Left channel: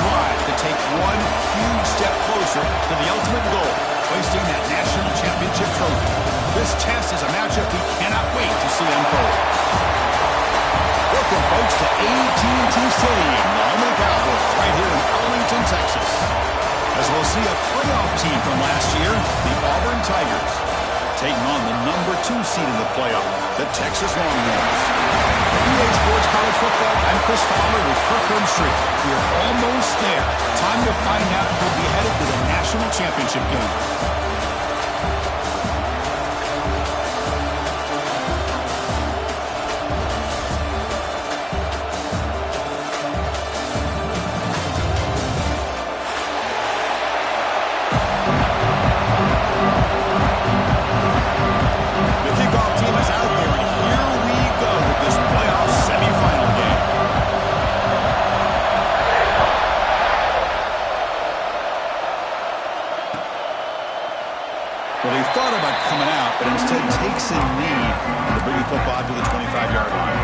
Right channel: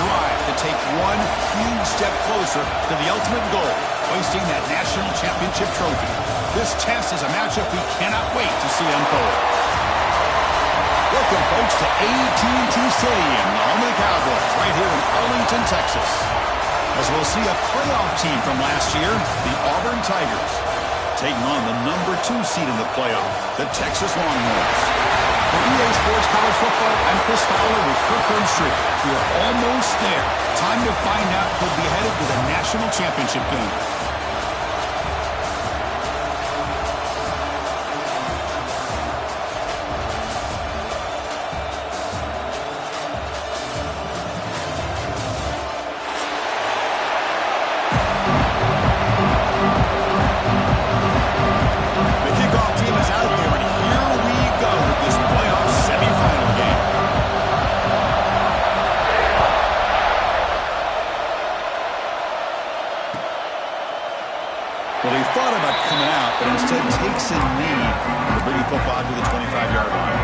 drive to take one huge step closer to the ultimate goal, hoisting that national championship trophy. This test is a matchup we cannot wait to see unfold. Welcome, folks, to AT&T Stadium, the home of the Cowboys, right here in Arlington, Texas. As we'll see a playoff team from last year, the Auburn Tigers, taking on the number 2 seed in the playoff, the Texas Longhorns. For EA Sports College Football, I'm Chris Fowler with Kirk Herbstreit. We are almost there. Time to find out who'll be headed to the national championship game. Well, he thought about coming out, but instead takes a knee to bring the football to the 25-yard line.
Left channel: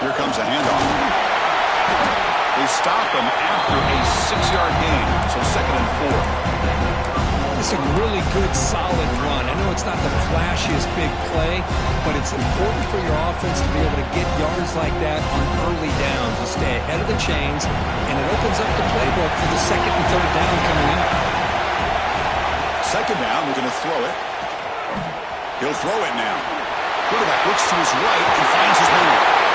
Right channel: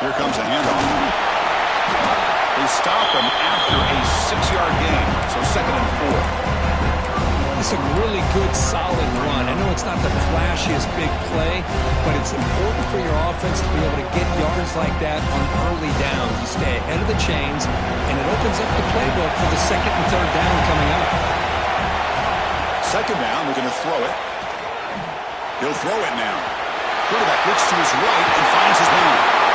Here comes a handoff. They stop him after a 6-yard gain, so 2nd and 4. It's a really good, solid run. I know it's not the flashiest big play, but it's important for your offense to be able to get yards like that on early downs. You stay ahead of the chains, and it opens up the playbook for the 2nd and 3rd down coming up. 2nd down, we're going to throw it. He'll throw it now. Quarterback looks to his right and finds his man.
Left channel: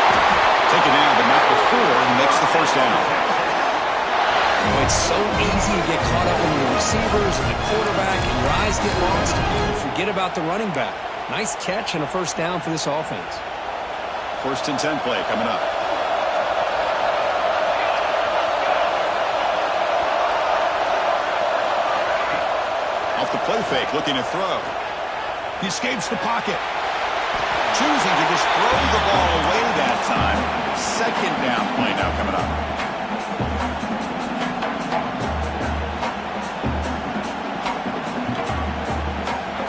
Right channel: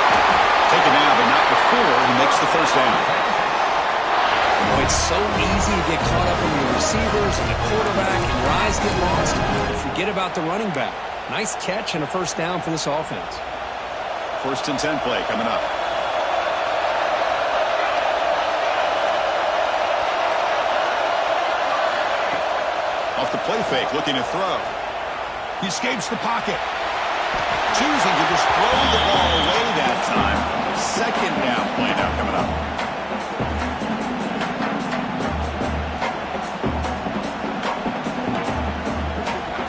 Taken now, but not before he makes the 1st down. You know, it's so easy to get caught up in the receivers and the quarterback, and your eyes get lost. You forget about the running back. Nice catch and a 1st down for this offense. 1st and 10 play coming up. Off the play fake, looking to throw. He escapes the pocket. Choosing to just throw the ball away that time. 2nd down play now coming up.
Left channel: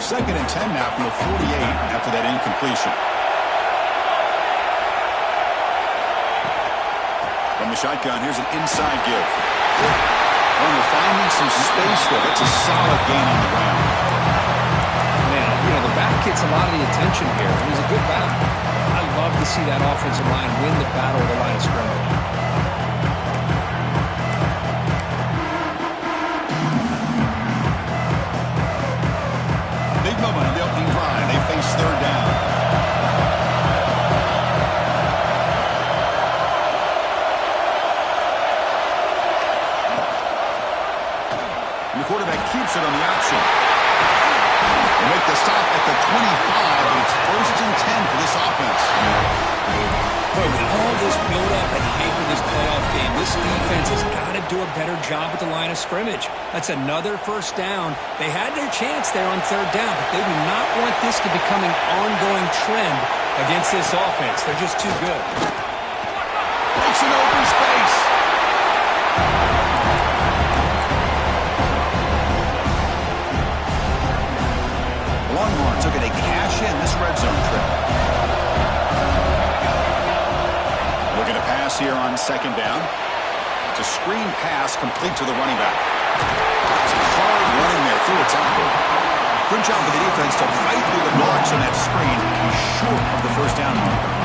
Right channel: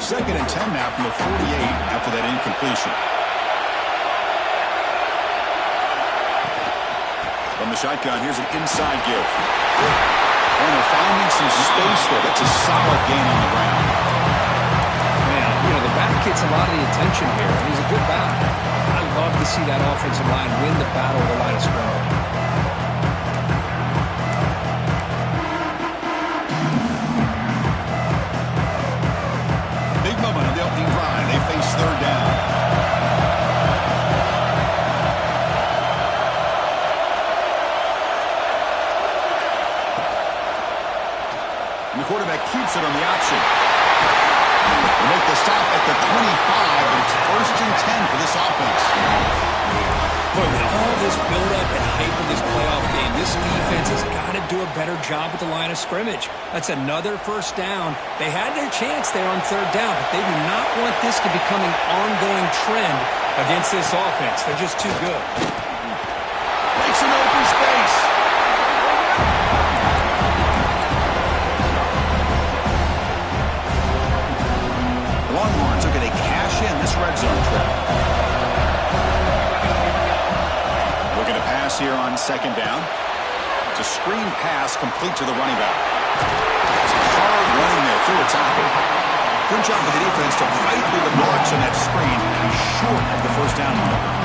Second and 10 now from the 48 after that incompletion. From the shotgun, here's an inside give. Oh, they're finding some space there. That's a solid gain on the ground. You know, the back gets a lot of the attention here, and he's a good back. I love to see that offensive line win the battle of the line of scrimmage. Big moment on the opening drive. They face 3rd down. And the quarterback keeps it on the option. They make the stop at the 25, but it's 1st and 10 for this offense. Boy, with all this build-up and hype in this playoff game, this defense has got to do a better job at the line of scrimmage. That's another 1st down. They had their chance there on 3rd down, but they do not want this to become an ongoing trend against this offense. They're just too good. Breaks an open space. Longhorns looking to cash in this red zone trip. Looking to pass here on 2nd down. It's a screen pass complete to the running back. It's hard running there through a tackle. Good job for the defense to fight through the blocks on that screen. He's short of the 1st down marker.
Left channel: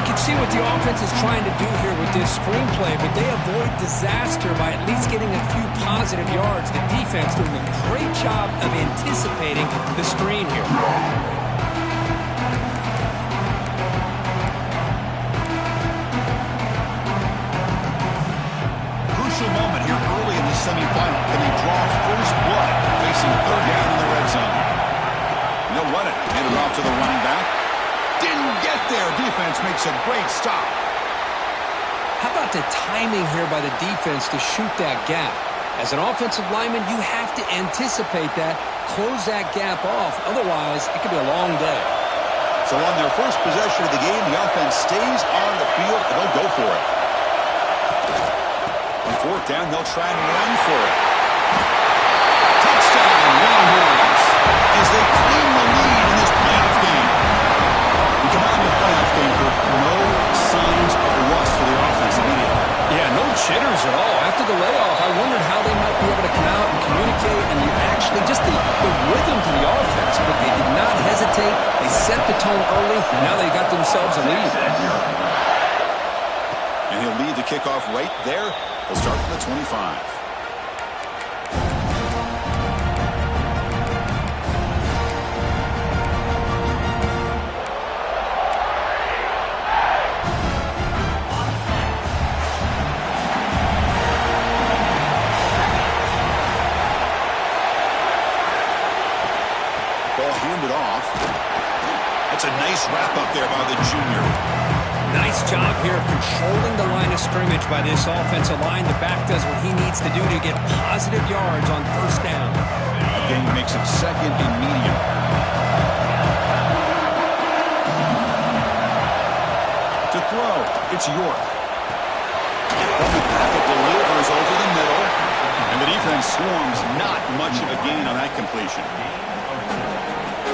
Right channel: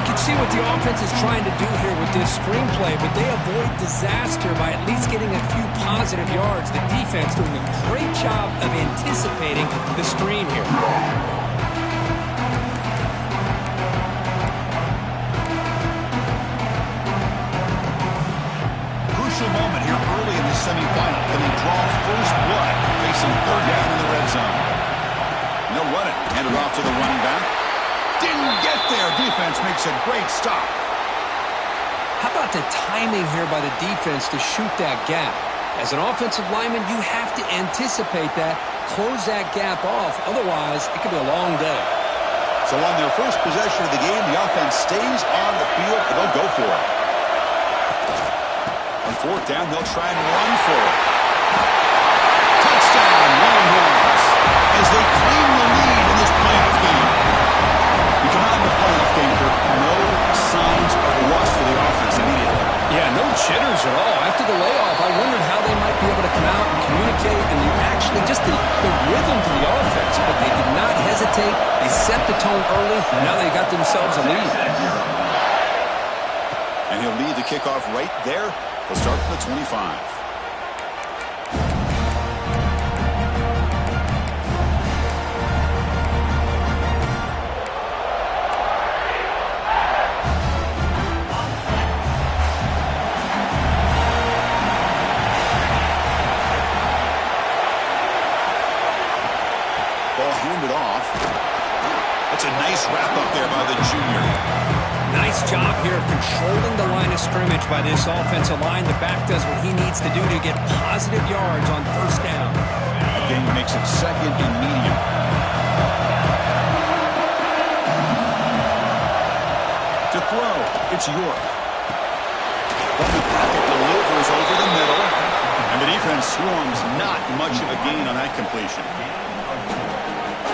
You can see what the offense is trying to do here with this screenplay, but they avoid disaster by at least getting a few positive yards. The defense doing a great job of anticipating the screen here. Crucial moment here early in the semifinal. Can they draw first blood facing 3rd down in the red zone? And they'll run it. Hand it off to the running back. Didn't get there. Defense makes a great stop. How about the timing here by the defense to shoot that gap? As an offensive lineman, you have to anticipate that, close that gap off. Otherwise, it could be a long day. So on their first possession of the game, the offense stays on the field, and they'll go for it. On fourth down, they'll try and run for it. Touchdown, Longhorns, as they claim the lead in this playoff game. We come out in the playoff game, Kirk, no signs of rust for the offense immediately. Yeah, no jitters at all. After the layoff, I wondered how they might be able to come out and communicate and actually just the rhythm to the offense. But they did not hesitate. They set the tone early, and now they got themselves a lead. And he'll lead the kickoff right there. He'll start from the 25. Ball handed off. That's a nice wrap up there by the junior. Nice job here of controlling the line of scrimmage by this offensive line. The back does what he needs to do to get positive yards on first down. That gain makes it second and medium. To throw, it's York. From the pocket, delivers over the middle. And the defense swarms, not much of a gain on that completion.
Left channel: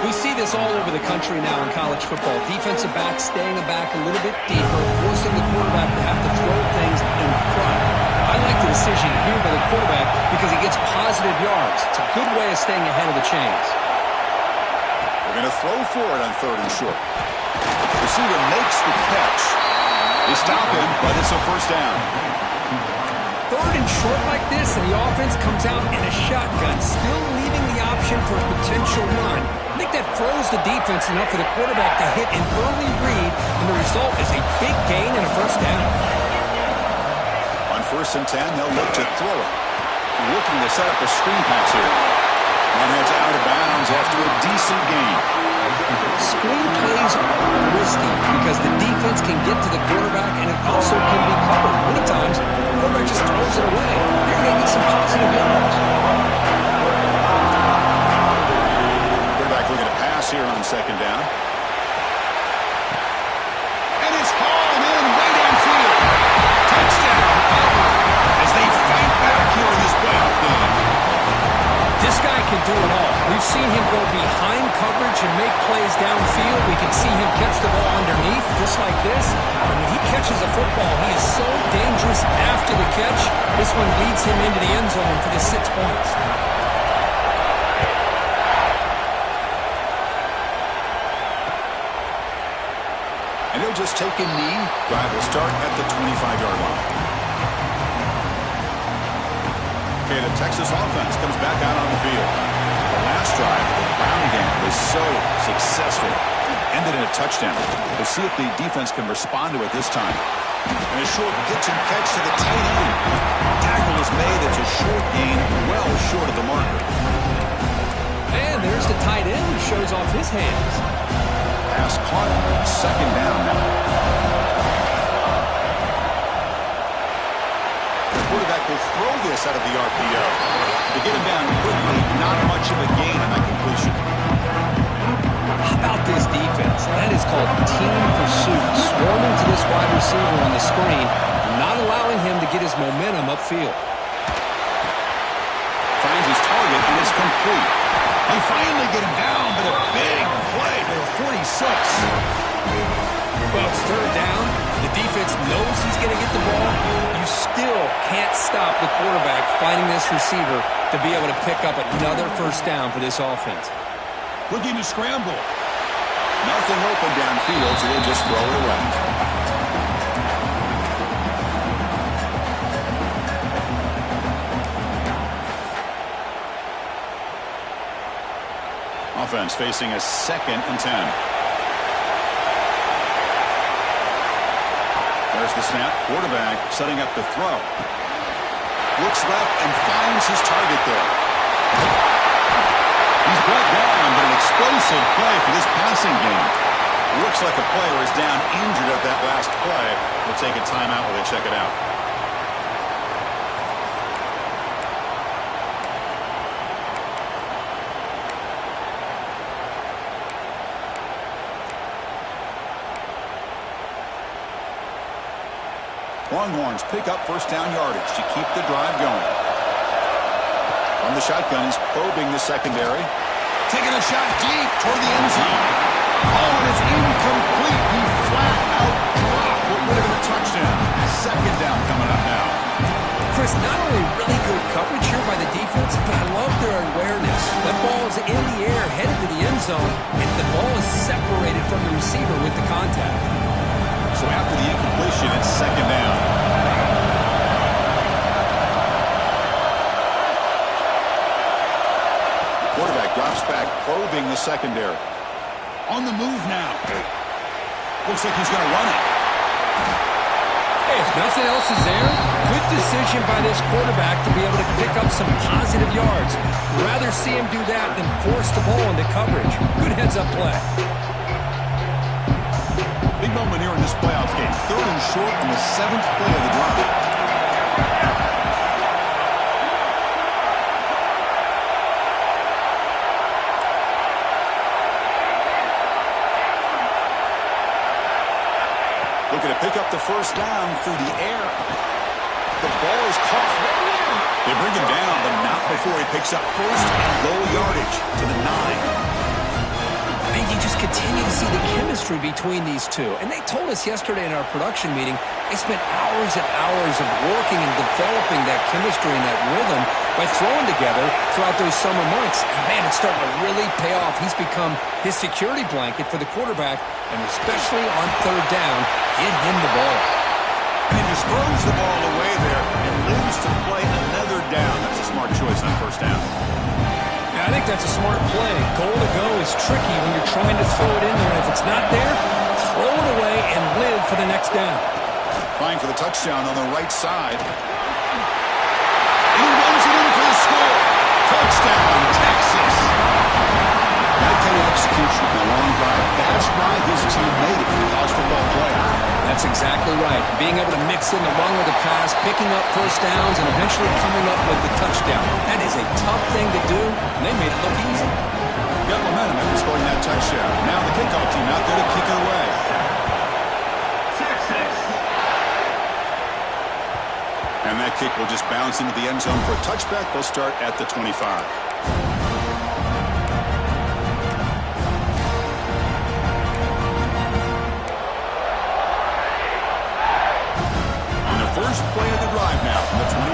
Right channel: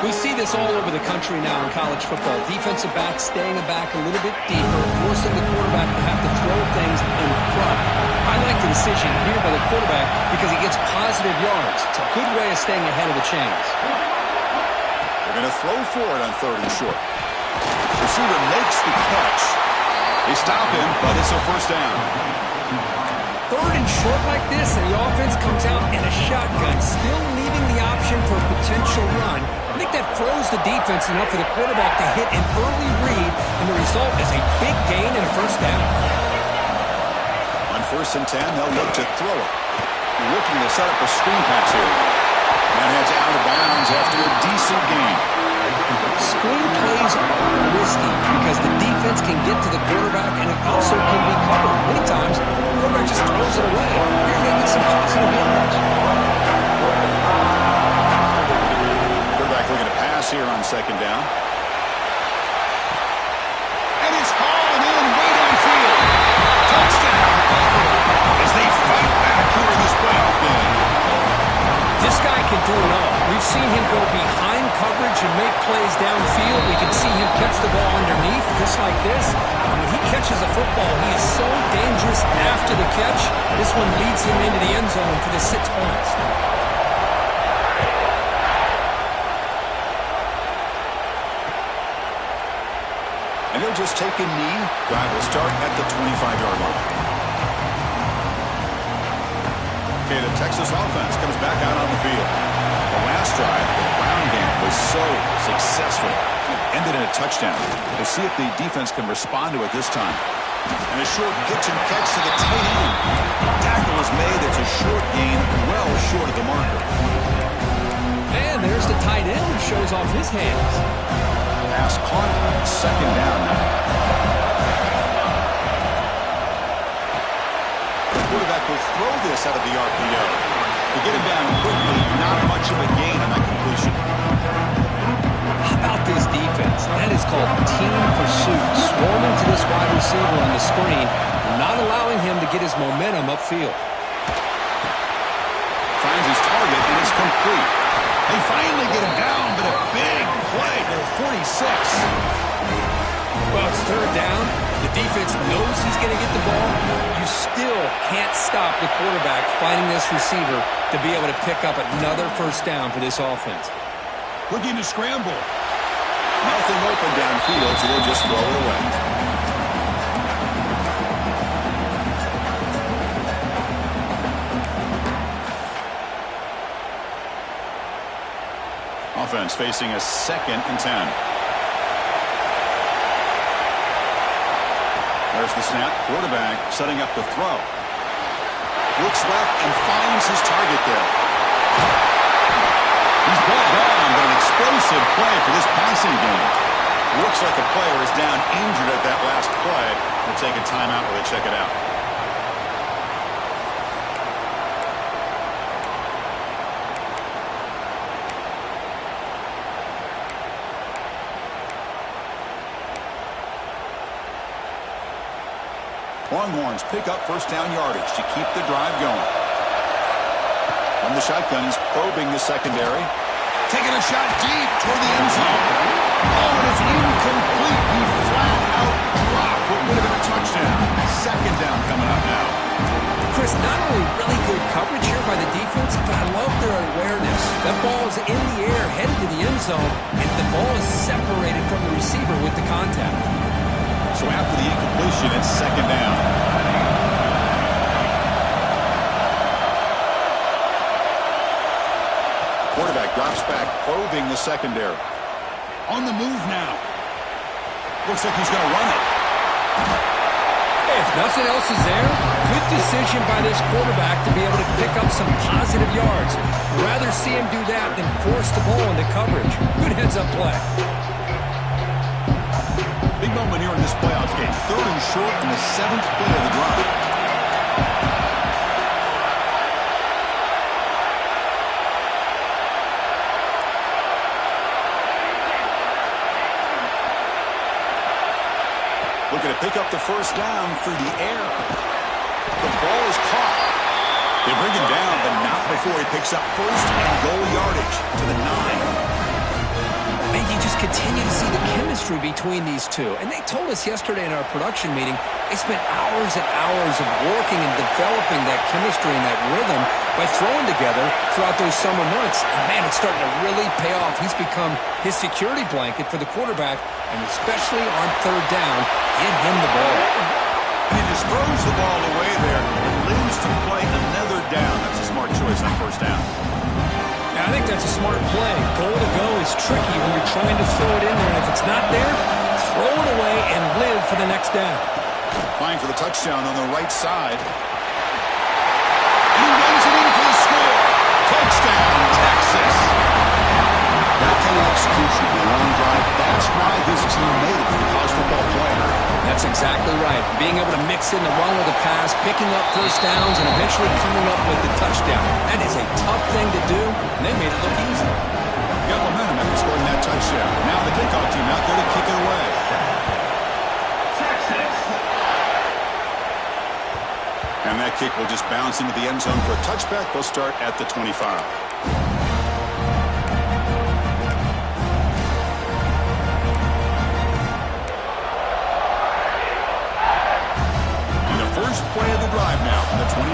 We see this all over the country now in college football. Defensive backs staying back a little bit deeper, forcing the quarterback to have to throw things in front. I like the decision here by the quarterback because he gets positive yards. It's a good way of staying ahead of the chains. They're going to throw for it on third and short. The receiver makes the catch. They stop him, but it's a first down. Third and short like this, and the offense comes out in a shotgun, still leaving the option for a potential run. I think that throws the defense enough for the quarterback to hit an early read, and the result is a big gain and a first down. On first and 10, they'll look to throw it. Looking to set up a screen pass here. And heads out of bounds after a decent gain. Screen plays are risky because the defense can get to the quarterback and it also can be covered. Many times, the quarterback just throws it away. You're going to get some positive yards. Quarterback looking to pass here on second down. And it's hauled in way downfield. Touchdown, Auburn, as they fight back here in this playoff game. This guy can do it all. We've seen him go behind coverage and make plays downfield. We can see him catch the ball underneath, just like this. And when he catches a football, he is so dangerous after the catch. This one leads him into the end zone for the 6 points. And he'll just take a knee. Drive will start at the 25-yard line. Okay, the Texas offense comes back out on the field. The last drive, the ground game was so successful. Ended in a touchdown. We'll see if the defense can respond to it this time. And a short pitch and catch to the tight end. Tackle is made. It's a short gain, well short of the marker. And there's the tight end who shows off his hands. Pass caught. Second down now. Quarterback will throw this out of the RPO. They get him down quickly. Not much of a gain on that completion. How about this defense? That is called team pursuit. Swarming to this wide receiver on the screen, not allowing him to get his momentum upfield. Finds his target, and it's complete. They finally get him down, but a big play to the 46. Well, it's third down. The defense knows he's going to get the ball. You still can't stop the quarterback finding this receiver to be able to pick up another first down for this offense. Looking to scramble. Nothing open downfield, so they'll just throw it away. Offense facing a 2nd and 10. There's the snap. Quarterback setting up the throw. Looks left and finds his target there. He's brought down, but an explosive play for this passing game. Looks like a player is down injured at that last play. We'll take a timeout while they check it out. Longhorns pick up first down yardage to keep the drive going. From the shotgun, he's probing the secondary. Taking a shot deep toward the end zone. Oh, and it's incomplete. He flat out dropped what would have been a touchdown. Second down coming up now. Chris, not only really good coverage here by the defense, but I love their awareness. That ball is in the air, headed to the end zone, and the ball is separated from the receiver with the contact. So after the incompletion, it's second down. Quarterback drops back, probing the secondary. On the move now. Looks like he's going to run it. Hey, if nothing else is there, good decision by this quarterback to be able to pick up some positive yards. Rather see him do that than force the ball into coverage. Good heads-up play. Big moment here in this playoff game. 3rd and short on the 7th play of the drive. Looking to pick up the first down through the air. The ball is caught. They bring him down, but not before he picks up first and goal yardage to the 9. Man, you just continue to see the chemistry between these two. And they told us yesterday in our production meeting, they spent hours and hours of working and developing that chemistry and that rhythm by throwing together throughout those summer months. And man, it's starting to really pay off. He's become his security blanket for the quarterback, and especially on 3rd down, get him the ball. And he just throws the ball away there and lives to play another down. That's a smart choice on first down. Yeah, I think that's a smart play. Goal to go is tricky when you're trying to throw it in there. And if it's not there, throw it away and live for the next down. Trying for the touchdown on the right side. And he runs it in for the score. Touchdown, Texas. That kind of execution in a long drive, that's why this team made it for the college football player. That's exactly right. Being able to mix in the run with the pass, picking up first downs, and eventually coming up with the touchdown. That is a tough thing to do, and they made it look easy. Got momentum after scoring that touchdown. Now the kickoff team out there to kick it away. Texas. And that kick will just bounce into the end zone for a touchback. They'll start at the 25. First play of the drive now from the 25.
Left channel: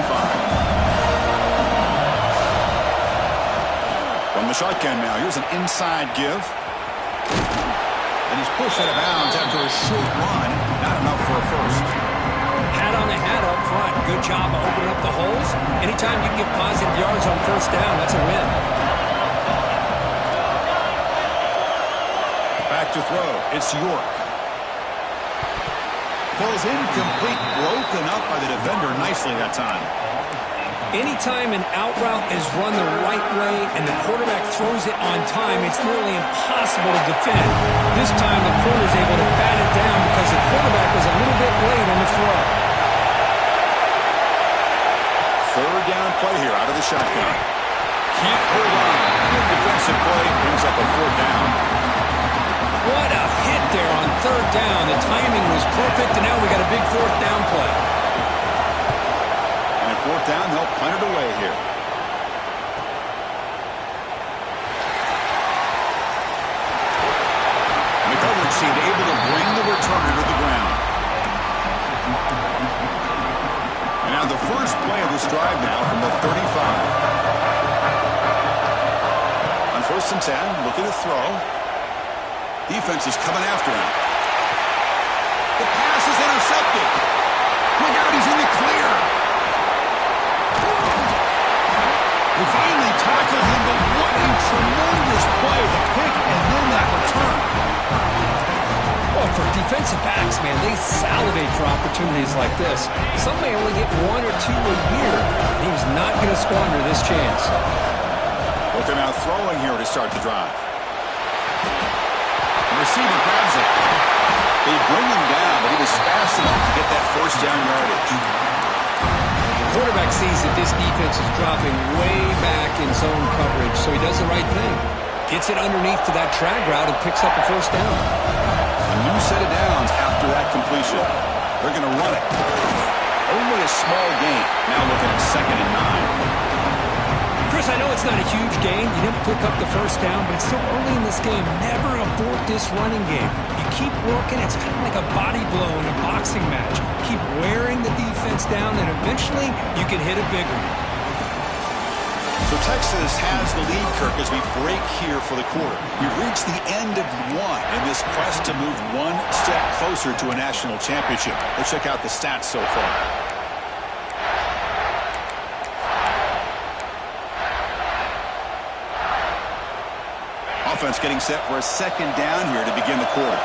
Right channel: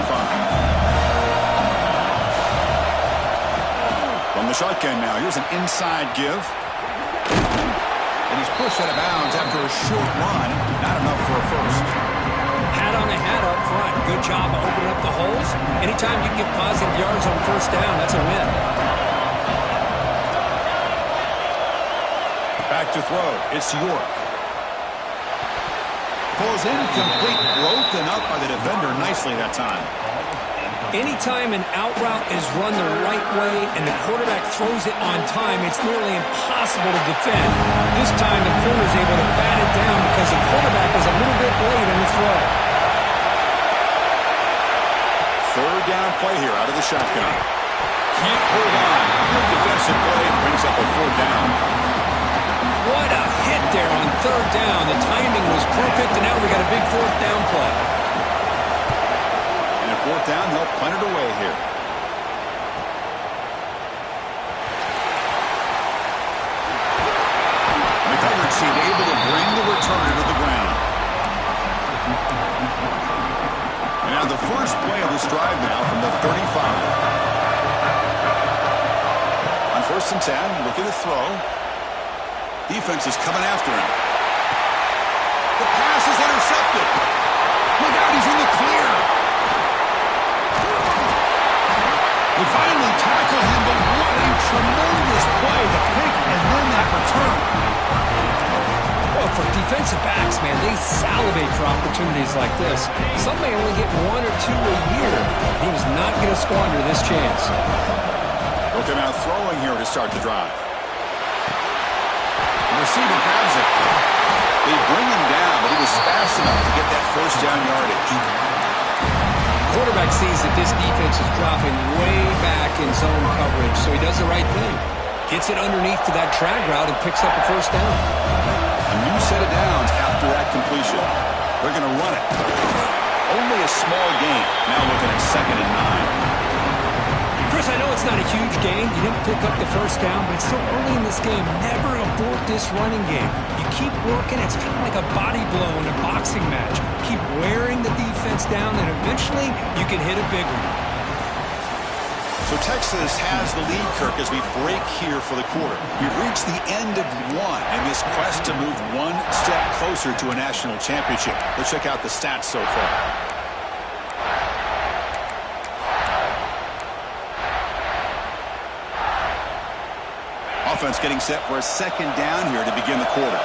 From the shotgun now, here's an inside give. And he's pushed out of bounds after a short run. Not enough for a first. Hat on a hat up front. Good job of opening up the holes. Anytime you get positive yards on first down, that's a win. Back to throw. It's York. Falls incomplete, broken up by the defender nicely that time. Anytime an out route is run the right way and the quarterback throws it on time, it's nearly impossible to defend. This time the corner's able to bat it down because the quarterback was a little bit late on the throw. 3rd down play here out of the shotgun. Can't hold on. Good defensive play, brings up a 4th down. What a hit there on 3rd down. The timing was perfect, and now we got a big 4th down play. And at 4th down, they'll punt it away here. And the coverage seemed able to bring the returner to the ground. And now the first play of this drive now from the 35. On 1st and 10, looking to throw. Defense is coming after him. The pass is intercepted. Look out, he's in the clear. We finally tackle him, but what a tremendous play. The pick and then that return. Well, for defensive backs, man, they salivate for opportunities like this. Some may only get 1 or 2 a year. He was not going to squander this chance. Look at him out throwing here to start the drive. The receiver grabs it. They bring him down, but he was fast enough to get that first down yardage. Quarterback sees that this defense is dropping way back in zone coverage, so he does the right thing. Gets it underneath to that drag route and picks up a first down. A new set of downs after that completion. They're going to run it. Only a small gain. Now looking at 2nd and 9. Chris, I know it's not a huge gain. You didn't pick up the first down, but it's still early in this game. Never abort this running game. You keep working. It's kind of like a body blow in a boxing match. Keep wearing the defense down, and eventually you can hit a big one. So Texas has the lead, Kirk, as we break here for the quarter. We've reached the end of one in this quest to move one step closer to a national championship. Let's check out the stats so far. Offense getting set for a 2nd down here to begin the quarter.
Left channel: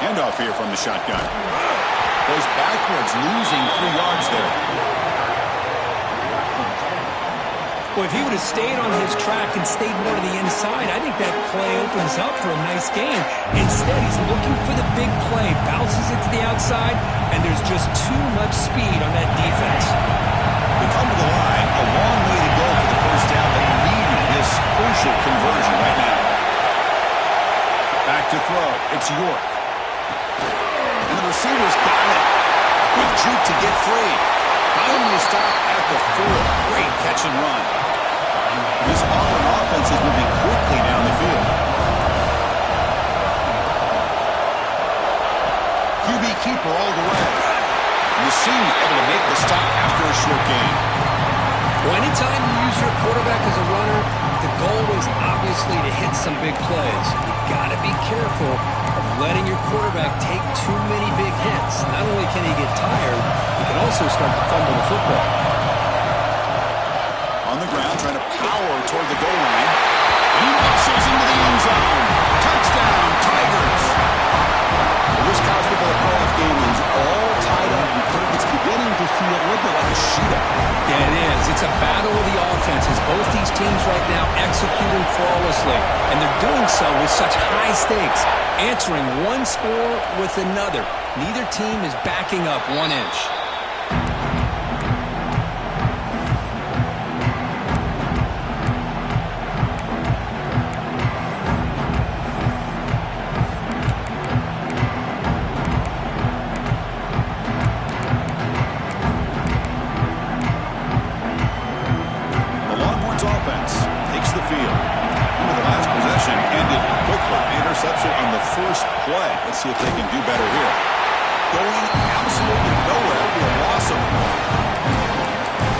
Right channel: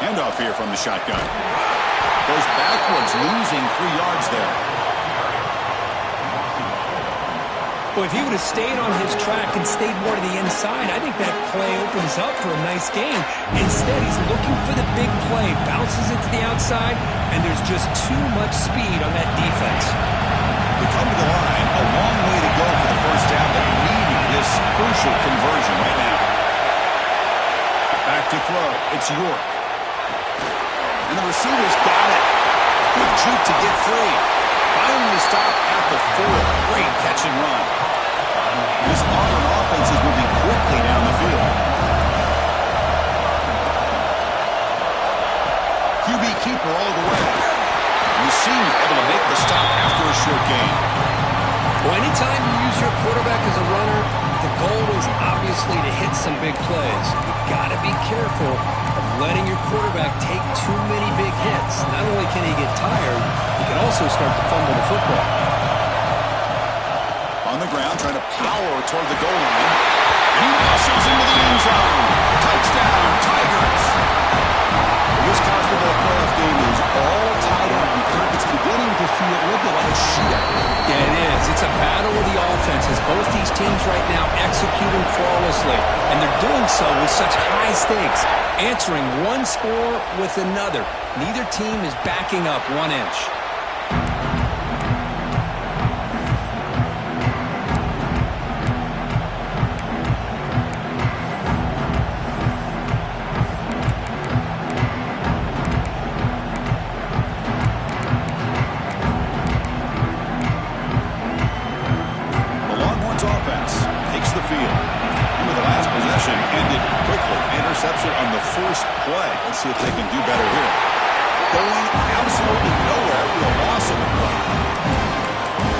Handoff here from the shotgun. Goes backwards, losing 3 yards there. Well, if he would have stayed on his track and stayed more to the inside, I think that play opens up for a nice gain. Instead, he's looking for the big play, bounces it to the outside, and there's just too much speed on that defense. They come to the line, a long way to go for the first down. They need this crucial conversion right now. Back to throw. It's York. And the receiver's got it. Good juke to get free. Finally stopped at the 4. Great catch and run. This Auburn offense is moving quickly down the field. QB keeper all the way. And the senior able to make the stop after a short gain. Well, anytime you use your quarterback as a runner, the goal is obviously to hit some big plays. You've got to be careful of letting your quarterback take too many big hits. Not only can he get tired, he can also start to fumble the football. On the ground, trying to power toward the goal line. And he muscles into the end zone. Touchdown, Tigers. Well, this college football playoff game is all tied up. And Kirk, it's beginning to feel a little bit like a shootout. Yeah, it is. It's a battle of the offenses. Both these teams right now executing flawlessly. And they're doing so with such high stakes. Answering one score with another. Neither team is backing up 1 inch. On the first play. Let's see if they can do better here. Going absolutely nowhere. It'll be a loss of a play.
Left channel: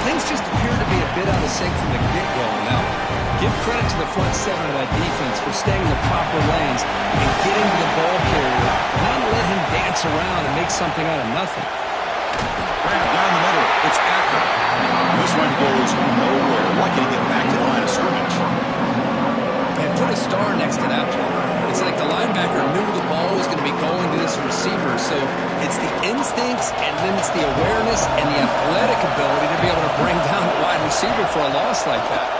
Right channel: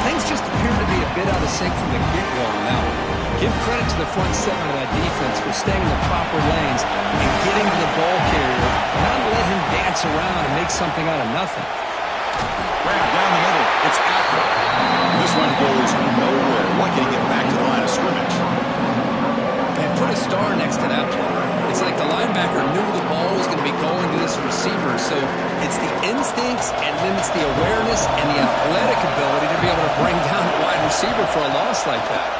Things just appear to be a bit out of sync from the get-go on that one. Give credit to the front 7 of that defense for staying in the proper lanes and getting to the ball carrier, not let him dance around and make something out of nothing. Grab down the middle. It's Acker. This one goes nowhere. Lucky to get back to the line of scrimmage. And put a star next to that play. It's like the linebacker knew the ball was going to be going to this receiver, so it's the instincts and then it's the awareness and the athletic ability to be able to bring down the wide receiver for a loss like that.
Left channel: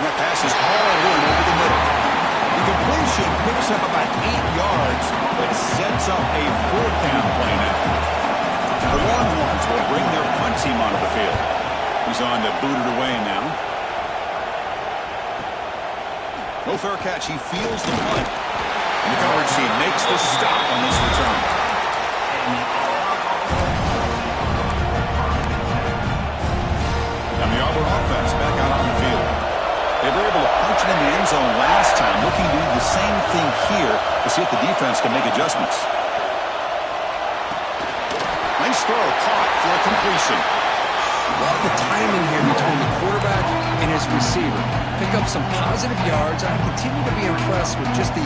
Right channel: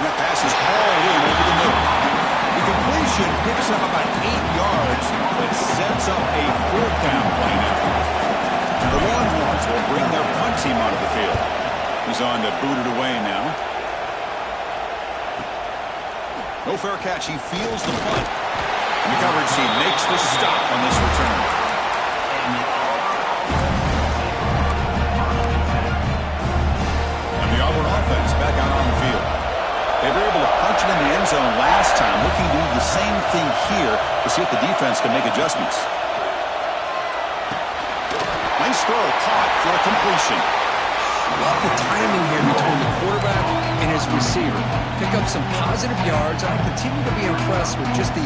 And that pass is hauled in over the middle. The completion picks up about 8 yards, but sets up a 4th down play now. The Longhorns will bring their punt team onto the field. He's on to boot it away now. No fair catch. He feels the punt. And the coverage team makes the stop on this return. And the Auburn offense back out on the field. They were able to punch it in the end zone last time, looking to do the same thing here to see if the defense can make adjustments. Nice throw, caught for a completion. Love the timing here between the quarterback and his receiver. Pick up some positive yards. I continue to be impressed with just the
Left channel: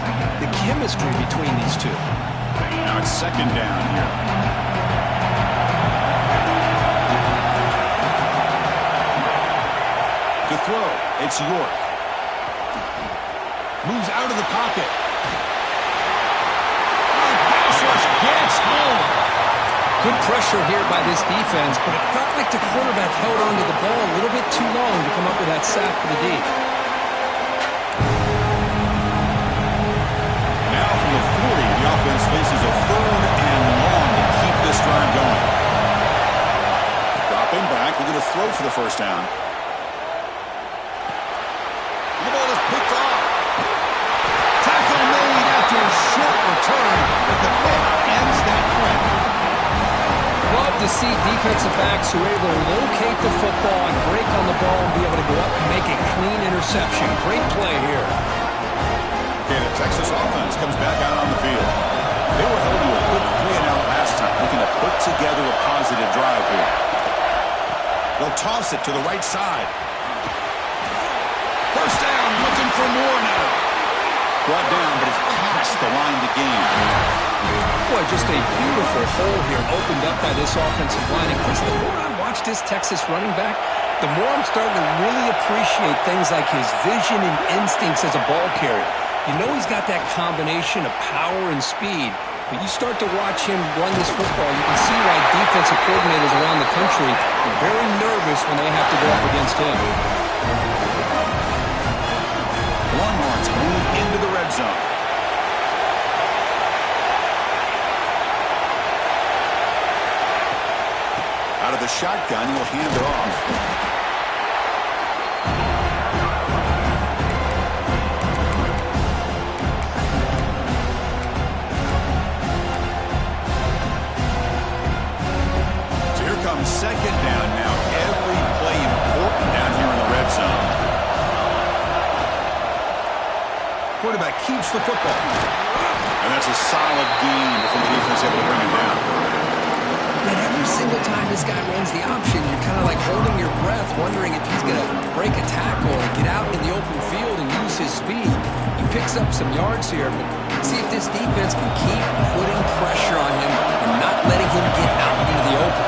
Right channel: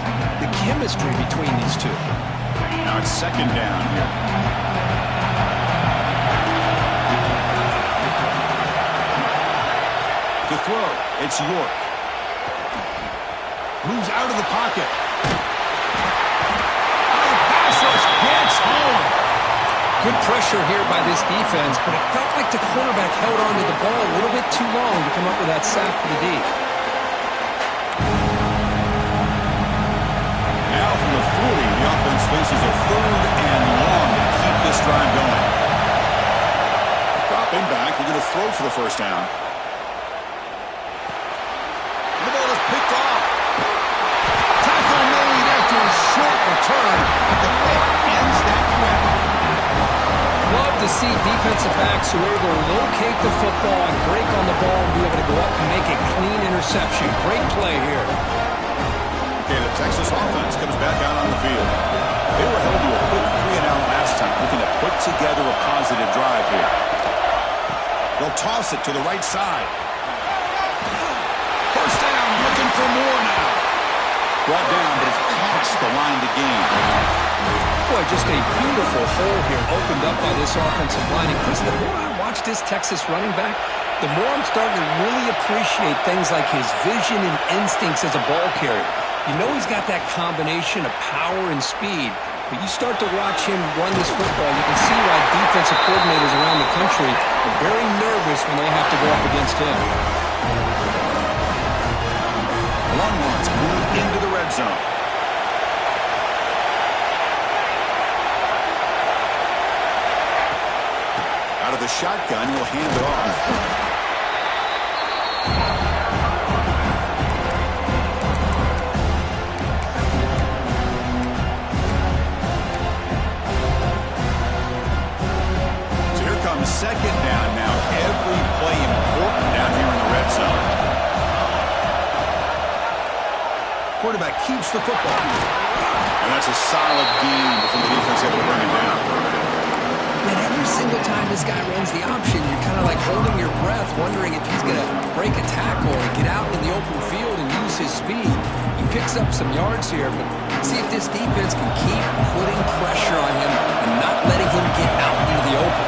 chemistry between these two. Now it's 2nd down here. To throw, it's York. Moves out of the pocket. Oh, the pass rush gets home. Good pressure here by this defense, but it felt like the quarterback held on to the ball a little bit too long to come up with that sack for the D. Now from the 40, the offense faces a 3rd and long to keep this drive going. Dropping back, looking to throw for the first down. The ball is picked off. Tackle made after a short return, but the pick ends that threat. Love to see defensive backs who are able to locate the football and break on the ball and be able to go up and make a clean interception. Great play here. Okay, the Texas offense comes back out on the field. They were held to a quick 3-and-out last time, looking to put together a positive drive here. They'll toss it to the right side. First down, looking for more now. Brought down, but it's past the line to gain. Boy, just a beautiful hole here opened up by this offensive line. And Chris, the more I watch this Texas running back, the more I'm starting to really appreciate things like his vision and instincts as a ball carrier. You know he's got that combination of power and speed. But you start to watch him run this football, you can see why defensive coordinators around the country are very nervous when they have to go up against him. Longhorns move into the red zone. Out of the shotgun, he'll hand it off. So here comes second down now. Every play important down here in the red zone. Quarterback keeps the football. And that's a solid gain before the defense able to bring it down. And every single time this guy runs the option, you're kind of like holding your breath, wondering if he's going to break a tackle or get out in the open field and use his speed. He picks up some yards here, but see if this defense can keep putting pressure on him and not letting him get out into the open.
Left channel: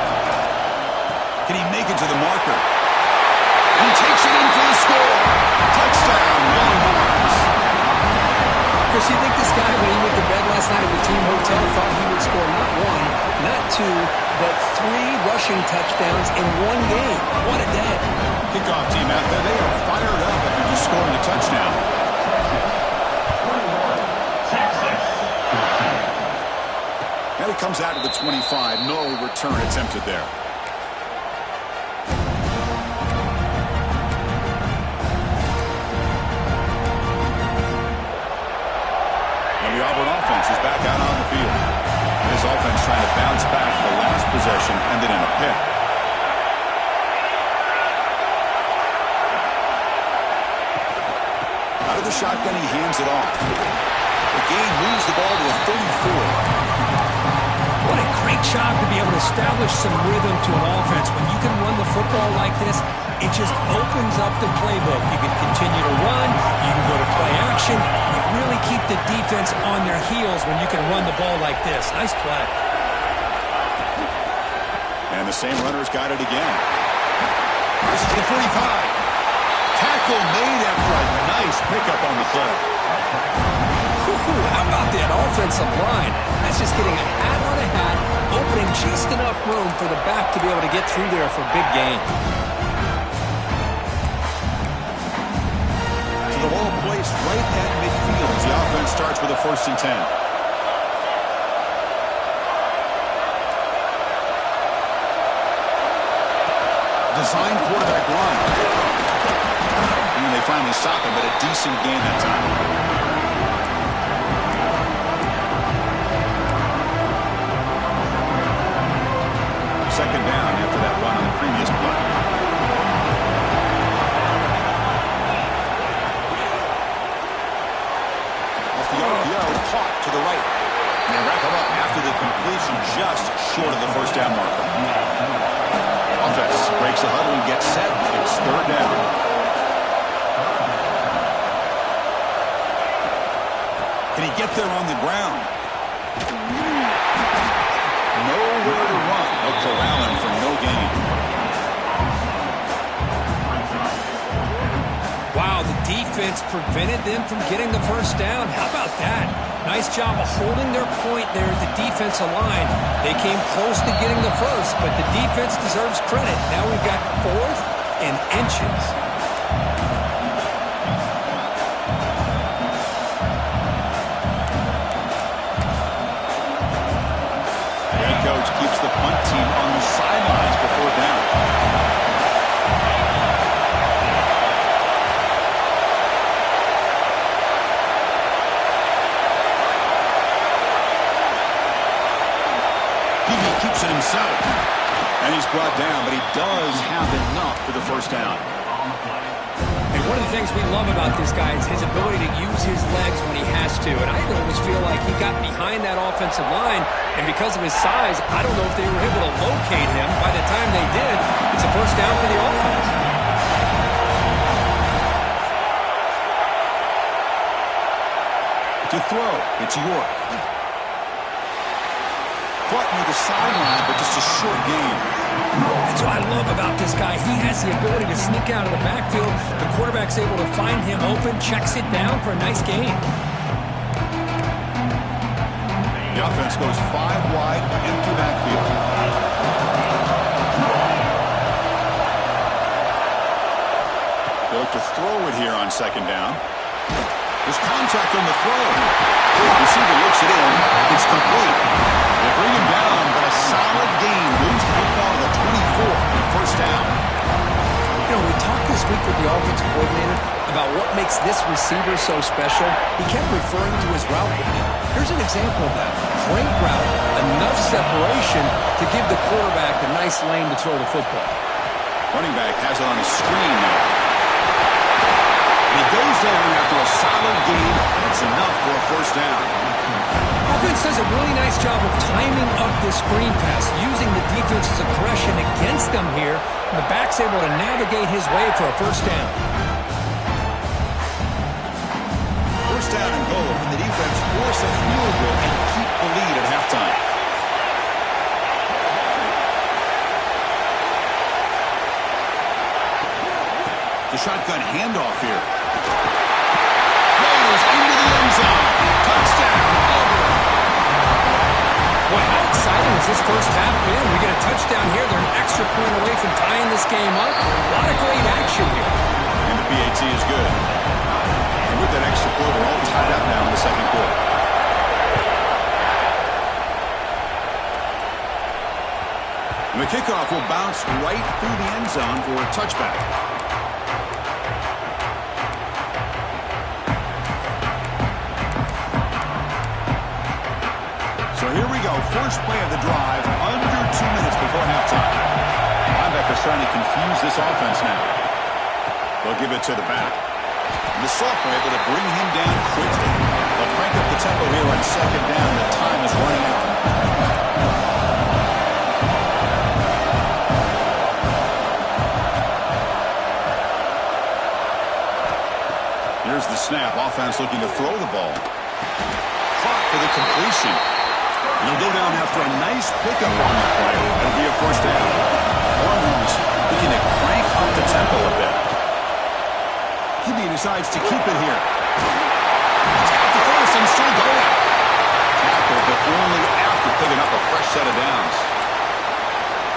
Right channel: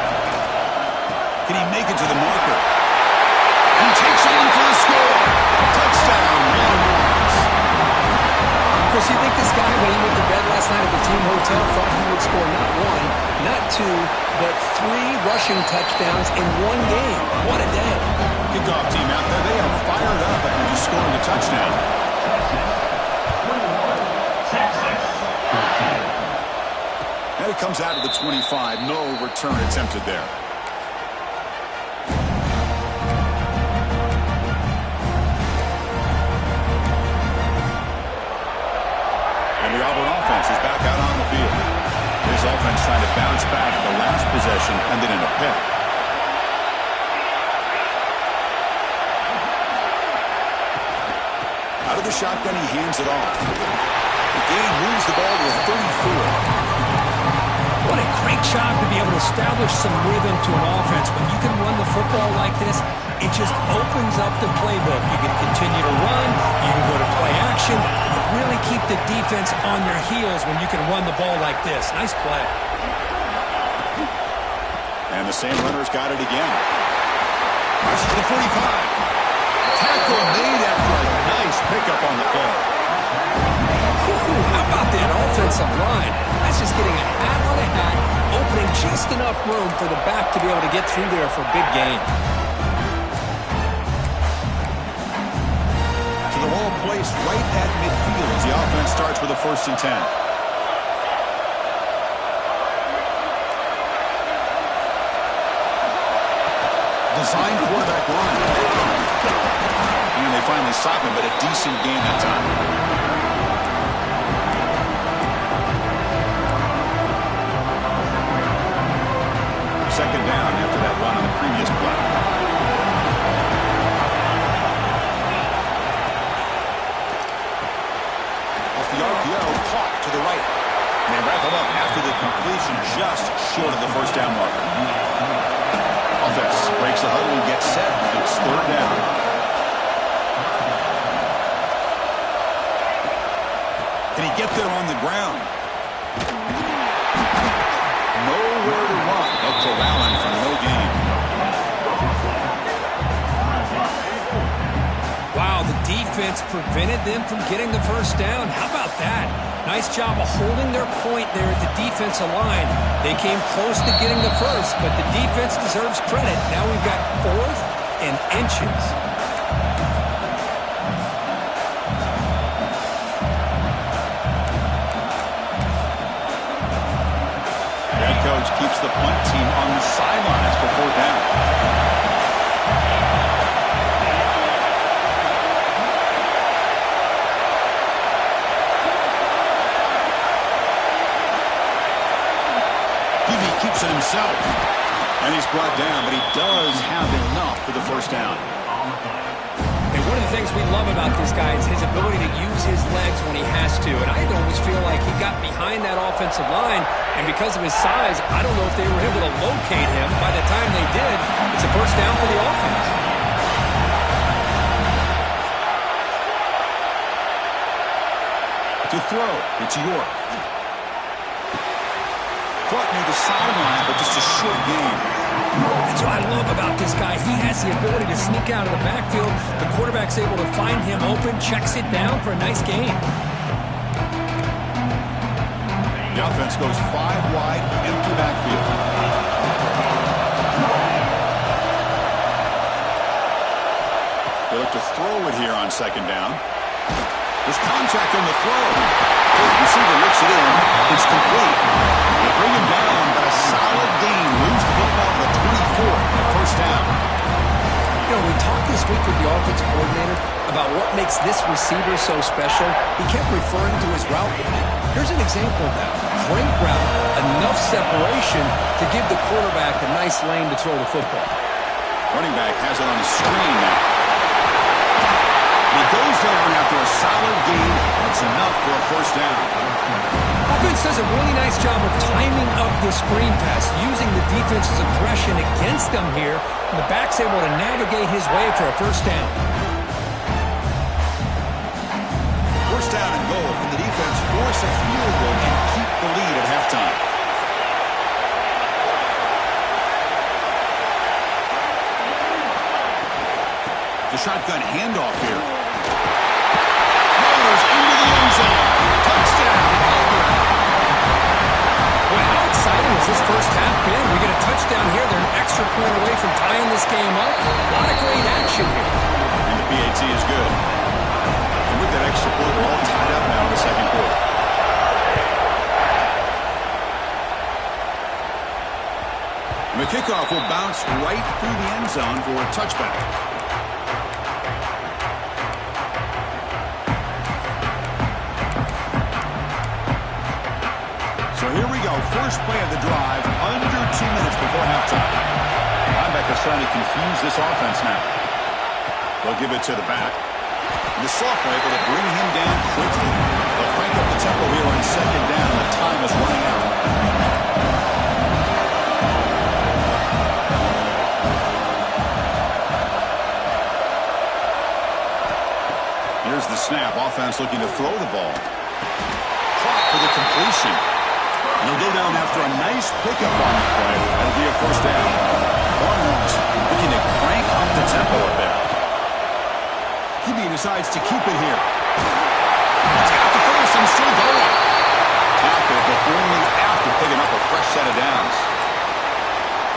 Can he make it to the marker? And he takes it in for the score. Touchdown, Longhorns. Chris, you think this guy, when he went to bed last night at the team hotel, thought he would score not one, not two, but 3 rushing touchdowns in one game? What a day. Kickoff team out there, they are fired up after just scoring a touchdown. 21, Texas. And it comes out to the 25. No return attempted there. The Auburn offense is back out on the field. This offense trying to bounce back the last possession, ended in a pick. Out of the shotgun, he hands it off. The gain moves the ball to a 34. What a great job to be able to establish some rhythm to an offense. When you can run the football like this, it just opens up the playbook. You can continue to run. You can go to play action. Really keep the defense on their heels when you can run the ball like this. Nice play. And the same runner's got it again. Rushes to the 45. Tackle made after a nice pickup on the play. How about that offensive line? That's just getting a hat on a hat, opening just enough room for the back to be able to get through there for a big gain. The ball placed right at midfield as the offense starts with a 1st and 10. Designed quarterback run. And they finally stop him, but a decent gain that time. Second down after that run on the previous play. The RPO caught to the right. And they wrap him up after the completion just short of the 1st down marker. Offense breaks the huddle and gets set. It's 3rd down. Can he get there on the ground? Nowhere to run. They'll corral him for no gain. Wow, the defense prevented them from getting the 1st down. How about that? Nice job of holding their point there at the defensive line. They came close to getting the 1st, but the defense deserves credit. Now we've got 4th and inches. The head coach keeps the punt team on the sidelines for 4th down. keeps it himself. And he's brought down, but he does have enough for the first down. And one of the things we love about this guy is his ability to use his legs when he has to. And I always feel like he got behind that offensive line, and because of his size, I don't know if they were able to locate him. By the time they did, it's a first down for the offense. To throw, it's York. Caught near the sideline, but just a short game. That's what I love about this guy. He has the ability to sneak out of the backfield. The quarterback's able to find him open, checks it down for a nice gain. The offense goes 5 wide, empty backfield. They look to throw it here on second down. There's contact on the throw. The receiver looks it in. It's complete. They bring him down, but a solid gain moves the football to the 24 for the first down. You know, we talked this week with the offensive coordinator about what makes this receiver so special. He kept referring to his route running. Here's an example of that. Great route, enough separation to give the quarterback a nice lane to throw the football. Running back has it on his screen now. He goes down after a solid gain. That's enough for a first down. Offense does a really nice job of timing up this screen pass, using the defense's aggression against them here. And the back's able to navigate his way for a first down. First down and goal. Can the defense force a field goal and keep the lead at halftime? The shotgun handoff here. Rolls into the end zone. Touchdown, Auburn. Boy, how exciting has this first half been? We get a touchdown here. They're an extra point away from tying this game up. A lot of great action here. And the PAT is good. And with that extra point, we're all tied up now in the second quarter. And the kickoff will bounce right through the end zone for a touchback. So here we go. First play of the drive, under 2 minutes before halftime. Linebackers trying to confuse this offense now. They'll give it to the back. And the sophomore able to bring him down quickly. They'll crank up the tempo here on second down. The time is running out. Here's the snap. Offense looking to throw the ball. Caught for the completion. And he'll go down after a nice pickup on the play. That'll be a first down. Longhorns looking to crank up the tempo a bit. QB decides to keep it here. It's got the first and still going. Tackle, but only after picking up a fresh set of downs.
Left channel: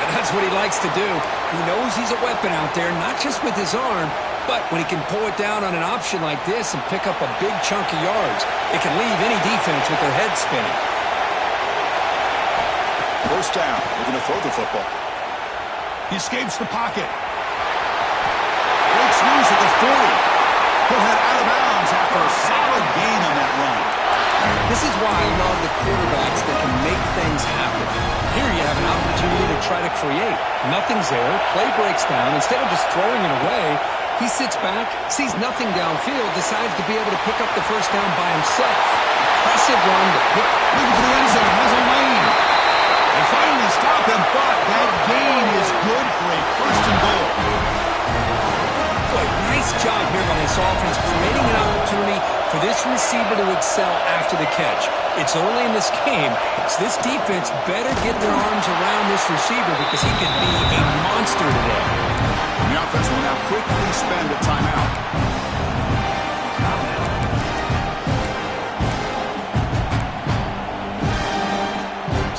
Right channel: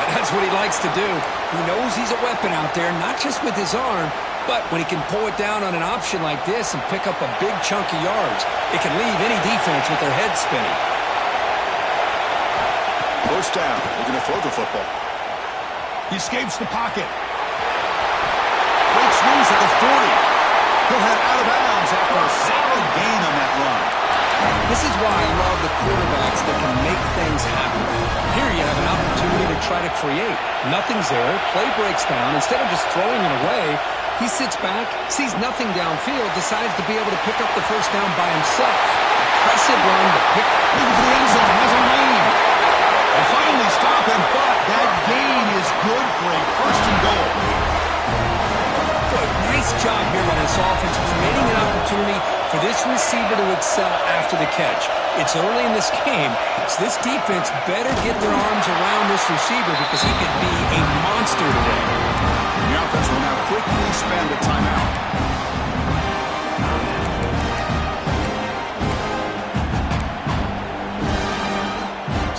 And that's what he likes to do. He knows he's a weapon out there, not just with his arm, but when he can pull it down on an option like this and pick up a big chunk of yards, it can leave any defense with their head spinning. First down, looking to throw the football. He escapes the pocket. Breaks loose at the 40. He'll head out of bounds after a solid gain on that run. This is why I love the quarterbacks that can make things happen. Here you have an opportunity to try to create. Nothing's there. Play breaks down. Instead of just throwing it away, he sits back, sees nothing downfield, decides to be able to pick up the first down by himself. Impressive run to pick. Looking for the end zone. Has a lane. They finally stop him, but that gain is good for a first and goal. Boy, nice job here by this offense, creating an opportunity for this receiver to excel after the catch. It's early in this game, so this defense better get their arms around this receiver because he could be a monster today. And the offense will now quickly spend a timeout.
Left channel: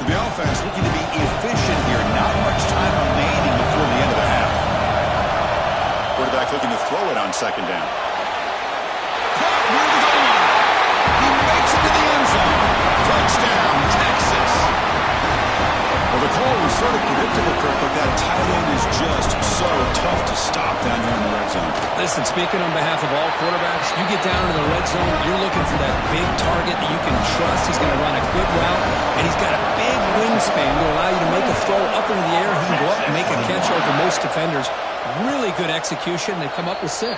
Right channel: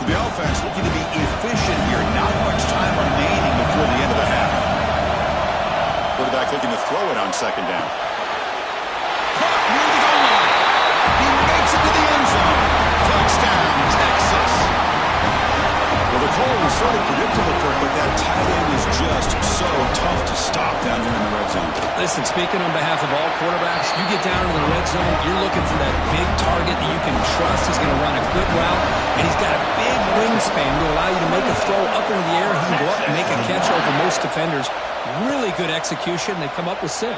The offense looking to be efficient here. Not much time remaining before the end of the half. Quarterback looking to throw it on second down. Caught near the goal line. He makes it to the end zone. Touchdown, Texas. Well, the call was sort of predictable, Kirk, but that tight end is just so tough to stop down here in the red zone. Listen, speaking on behalf of all quarterbacks, you get down in the red zone, you're looking for that big target that you can trust. He's going to run a good route, and he's got a big wingspan to allow you to make a throw up into the air. He can go up and make a catch over most defenders. Really good execution. They come up with 6.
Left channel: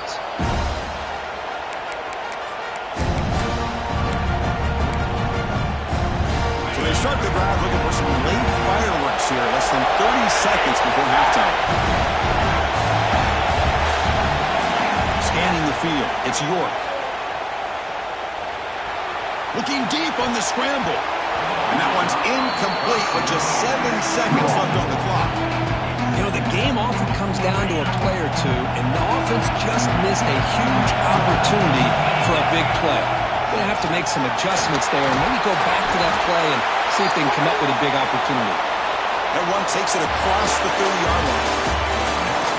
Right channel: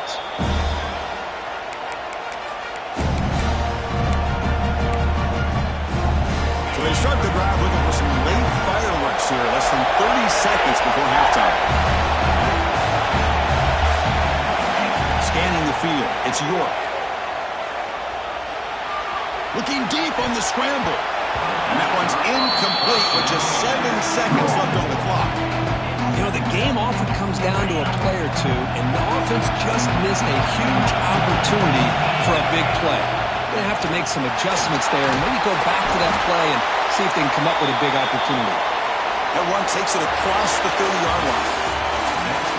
So they start the drive looking for some late fireworks here, less than 30 seconds before halftime. Scanning the field, it's York. Looking deep on the scramble. And that one's incomplete with just 7 seconds left on the clock. You know, the game often comes down to a play or two, and the offense just missed a huge opportunity for a big play. Going to have to make some adjustments there and maybe go back to that play and see if they can come up with a big opportunity. That one takes it across the 30-yard line.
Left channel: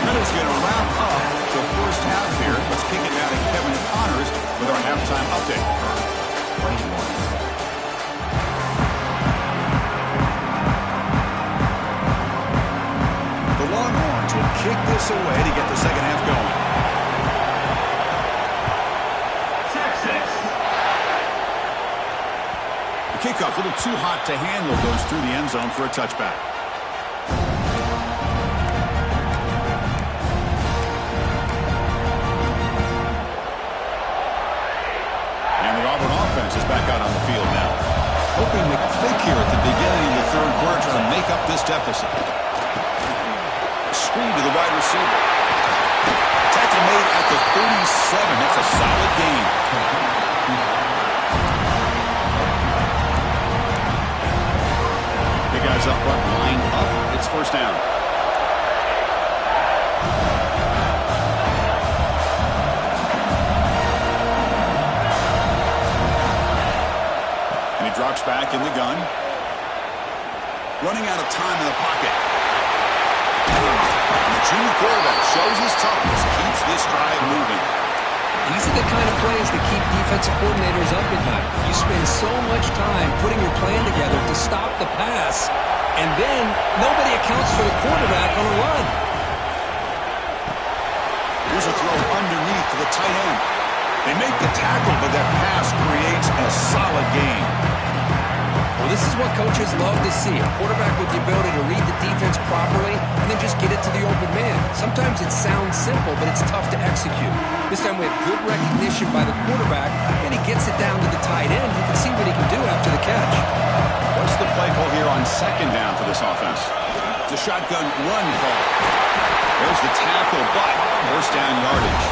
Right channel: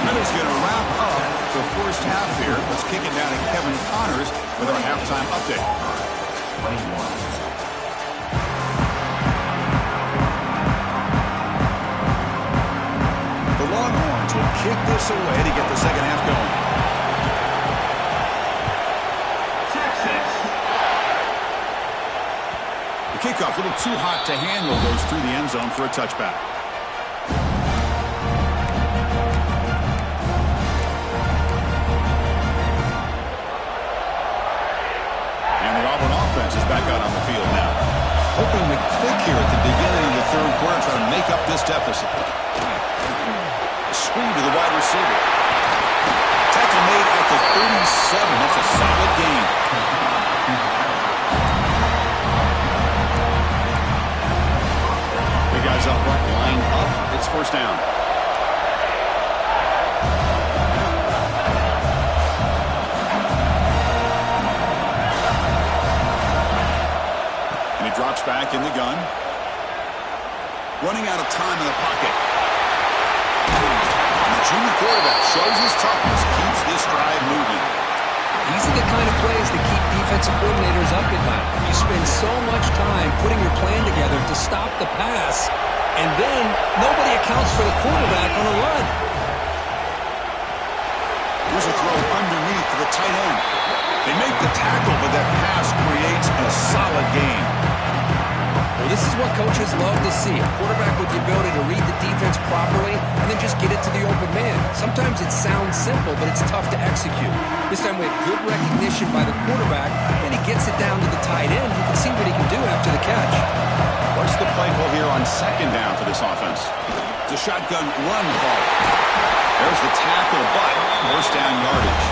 That is going to wrap up the first half here. Let's kick it down to Kevin Connors with our halftime update. The Longhorns will kick this away to get the second half going. Kickoff, a little too hot to handle, goes through the end zone for a touchback. And the Auburn offense is back out on the field now. Hoping to click here at the beginning of the third quarter, trying to make up this deficit. A screen to the wide receiver. Tackle made at the 37. That's a solid gain. Guys up front, lined up. It's first down. And he drops back in the gun. Running out of time in the pocket. And the junior quarterback shows his toughness, keeps this drive moving. These are the kind of plays that keep defensive coordinators up at night. You spend so much time putting your plan together to stop the pass, and then nobody accounts for the quarterback on a run. Here's a throw underneath to the tight end. They make the tackle, but that pass creates a solid gain. Well, this is what coaches love to see. A quarterback with the ability to read the defense properly and then just get it to the open man. Sometimes it sounds simple, but it's tough to execute. This time we have good recognition by the quarterback, and he gets it down to the tight end. You can see what he can do after the catch. What's the play call here on second down for this offense? It's a shotgun run call. There's the tackle, but first down yardage.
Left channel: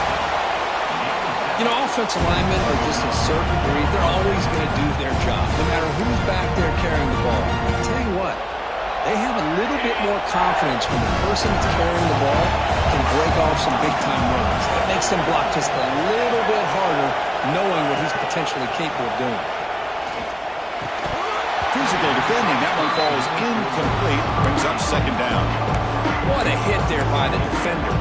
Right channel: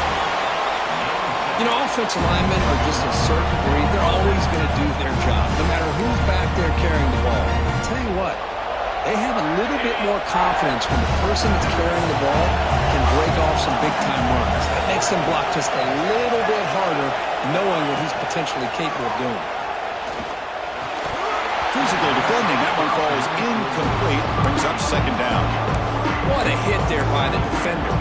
You know, offensive linemen are just a certain breed. They're always going to do their job, no matter who's back there carrying the ball. I'll tell you what, they have a little bit more confidence when the person that's carrying the ball can break off some big-time runs. That makes them block just a little bit harder, knowing what he's potentially capable of doing. Physical defending. That one falls incomplete. Brings up second down. What a hit there by the defender.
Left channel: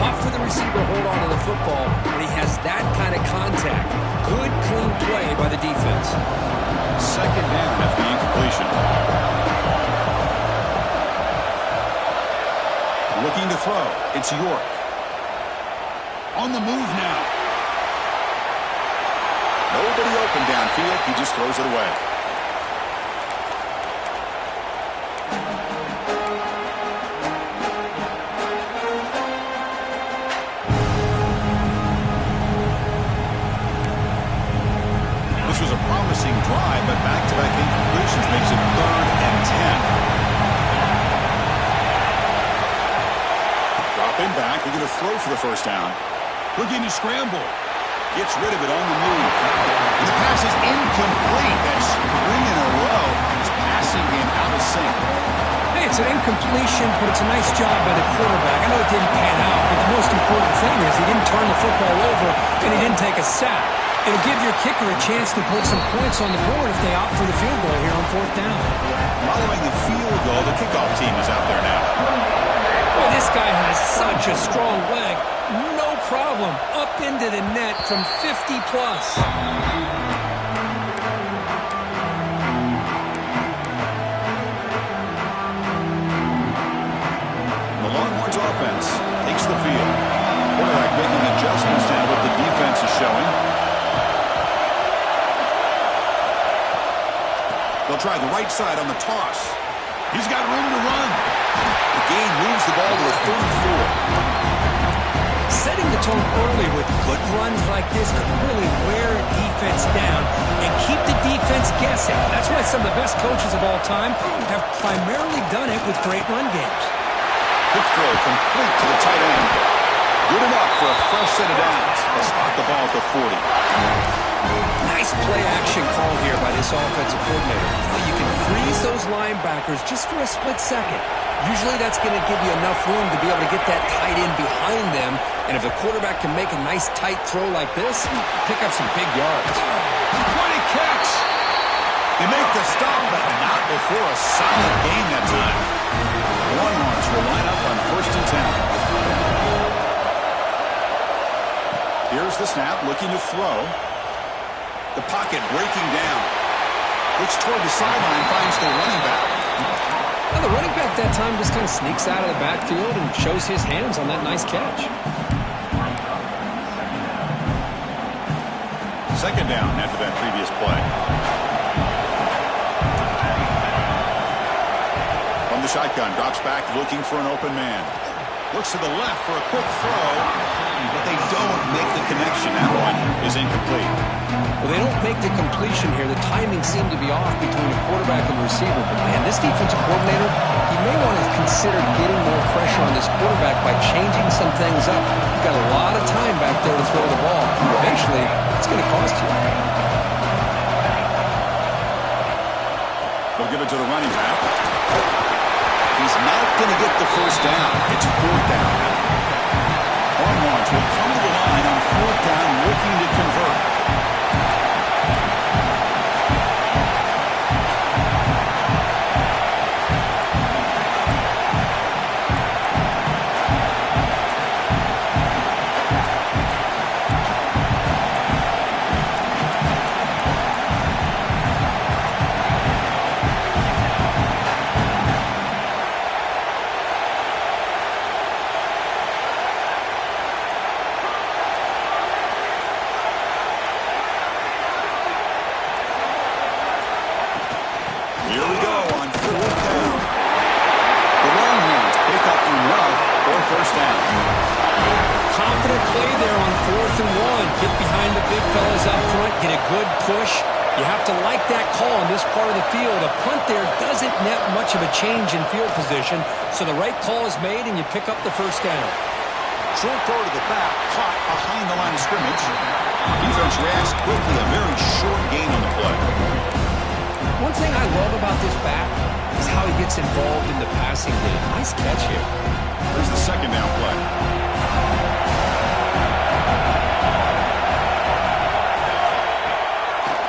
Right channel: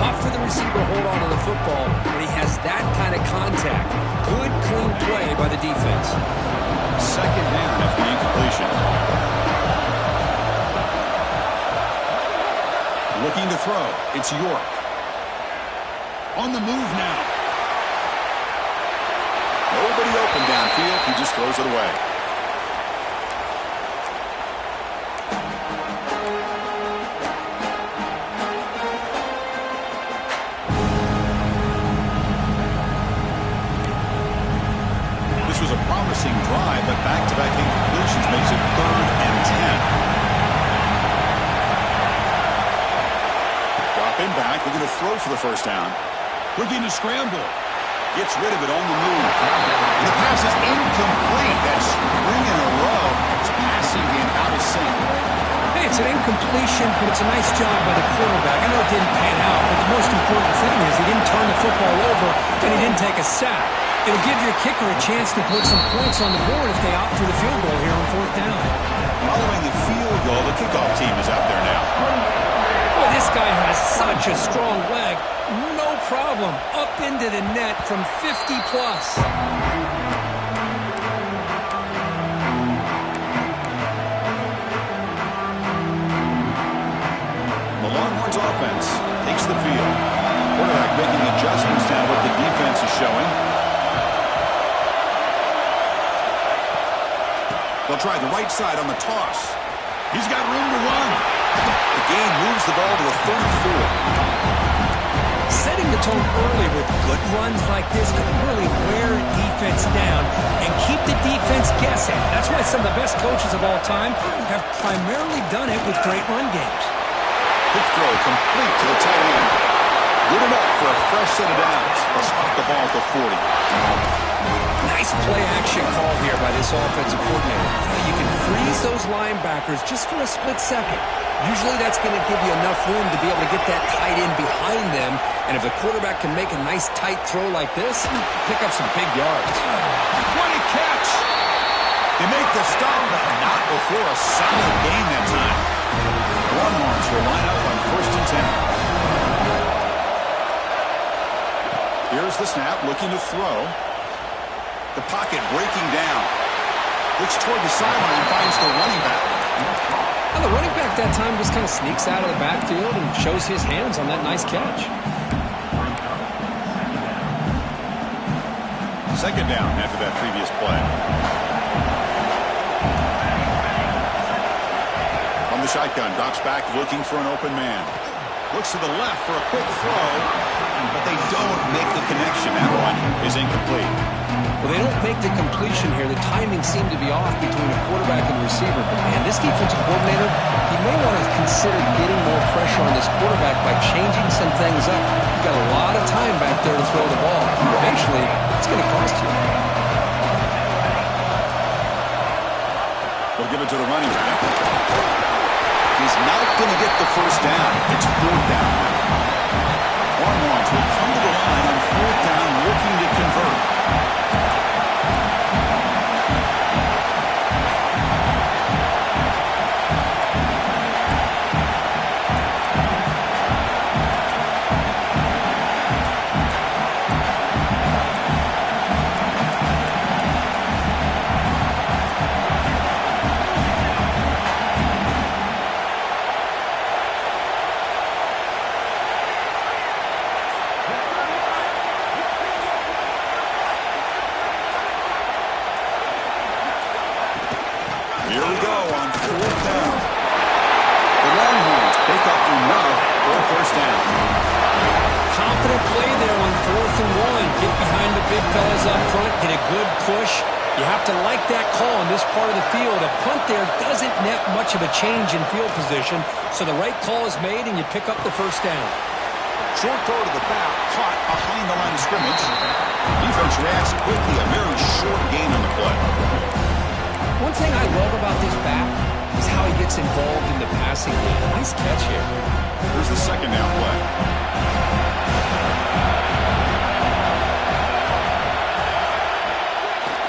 Tough for the receiver to hold on to the football when he has that kind of contact. Good, clean play by the defense. Second down after the incompletion. Looking to throw. It's York. On the move now. Nobody open downfield. He just throws it away. This was a promising drive, but back-to-back incompletions makes it 3rd and 10. Dropping back, looking to throw for the first down. Looking to scramble. Gets rid of it on the move. And the pass is incomplete. That's 3 in a row. His passing game out of sync. Hey, it's an incompletion, but it's a nice job by the quarterback. I know it didn't pan out, but the most important thing is he didn't turn the football over and he didn't take a sack. It'll give your kicker a chance to put some points on the board if they opt for the field goal here on 4th down. Following the field goal, the kickoff team is out there now. Boy, this guy has such a strong leg. No problem. Up into the net from 50 plus. offense takes the field. Quarterback making adjustments now what the defense is showing. They'll try the right side on the toss. He's got room to run. The gain moves the ball to the 34. Setting the tone early with good runs like this could really wear a defense down and keep the defense guessing. That's why some of the best coaches of all time have primarily done it with great run games. Quick throw complete to the tight end. Good enough for a fresh set of downs. They'll spot the ball at the 40. Nice play action call here by this offensive coordinator. You can freeze those linebackers just for a split second. Usually that's going to give you enough room to be able to get that tight end behind them. And if the quarterback can make a nice tight throw like this, pick up some big yards. What a catch! They make the stop, but not before a solid gain that time. The Longhorns will line up on 1st and 10. Here's the snap, looking to throw. The pocket breaking down. Looks toward the sideline, finds the running back. Well, the running back that time just kind of sneaks out of the backfield and shows his hands on that nice catch. 2nd down after that previous play. From the shotgun, drops back looking for an open man. Looks to the left for a quick throw, but they don't make the connection. That one is incomplete. Well, they don't make the completion here. The timing seemed to be off between a quarterback and receiver. But, man, this defensive coordinator, he may want to consider getting more pressure on this quarterback by changing some things up. He's got a lot of time back there to throw the ball. Eventually, it's going to cost you. They'll give it to the running back. He's not going to get the first down. It's 4th down now. Longhorns will come to the line on 4th down looking to convert. Here we go on 4th down. The Longhorns pick up enough for 1st down. Confident play there on 4th and 1. Get behind the big fellas up front. Get a good push. You have to like that call in this part of the field. A punt there doesn't net much of a change in field position, so the right call is made and you pick up the 1st down. Short throw to the back, caught behind the line of scrimmage. Defense reacts quickly, a very short gain on the play. One thing I love about this back is how he gets involved in the passing game. Nice catch here. Here's the 2nd down play.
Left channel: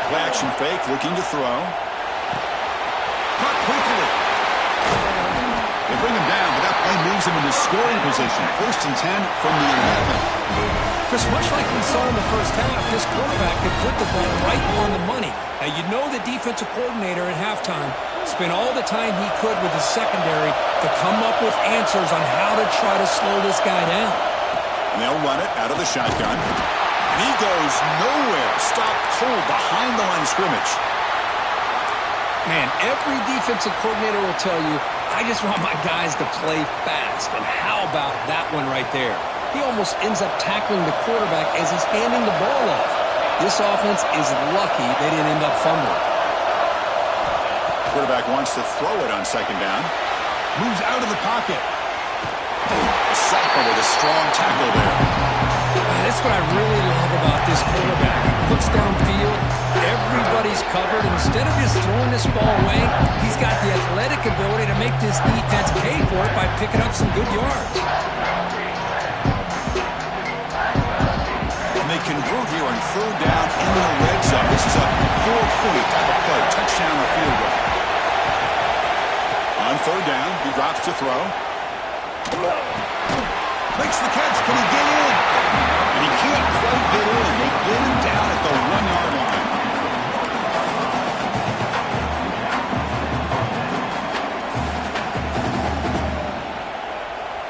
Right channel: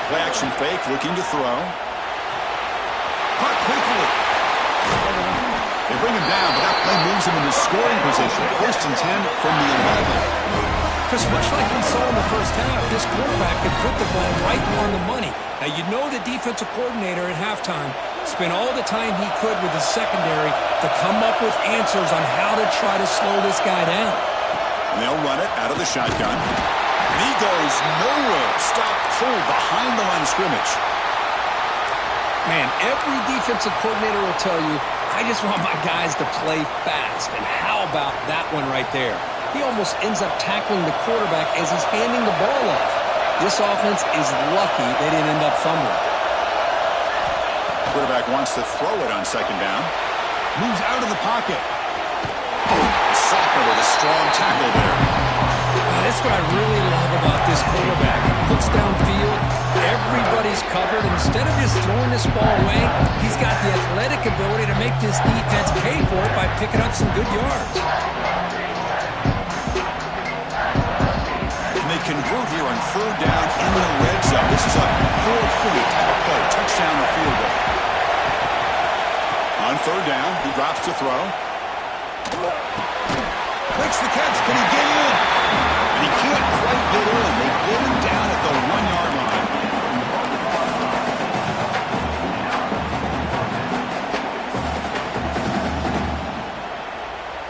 Play action fake, looking to throw. Caught quickly. They bring him down, but that play moves him into scoring position. 1st and 10 from the 11. Chris, much like we saw in the first half, this quarterback could put the ball right on the money. Now, you know the defensive coordinator at halftime spent all the time he could with his secondary to come up with answers on how to try to slow this guy down. And they'll run it out of the shotgun. And he goes nowhere. Stopped cold behind the line of scrimmage. Man, every defensive coordinator will tell you, I just want my guys to play fast. And how about that one right there? He almost ends up tackling the quarterback as he's handing the ball off. This offense is lucky they didn't end up fumbling. Quarterback wants to throw it on 2nd down. Moves out of the pocket. A sophomore with a strong tackle there. That's what I really love about this quarterback. Looks downfield, everybody's covered. Instead of just throwing this ball away, he's got the athletic ability to make this defense pay for it by picking up some good yards. And they convert here on 3rd down in the red zone. This is a 4-point type of play. Touchdown or field goal. On 3rd down, he drops to throw. Makes the catch. Can he get in? And he can't quite get in. They get him down at the 1-yard line.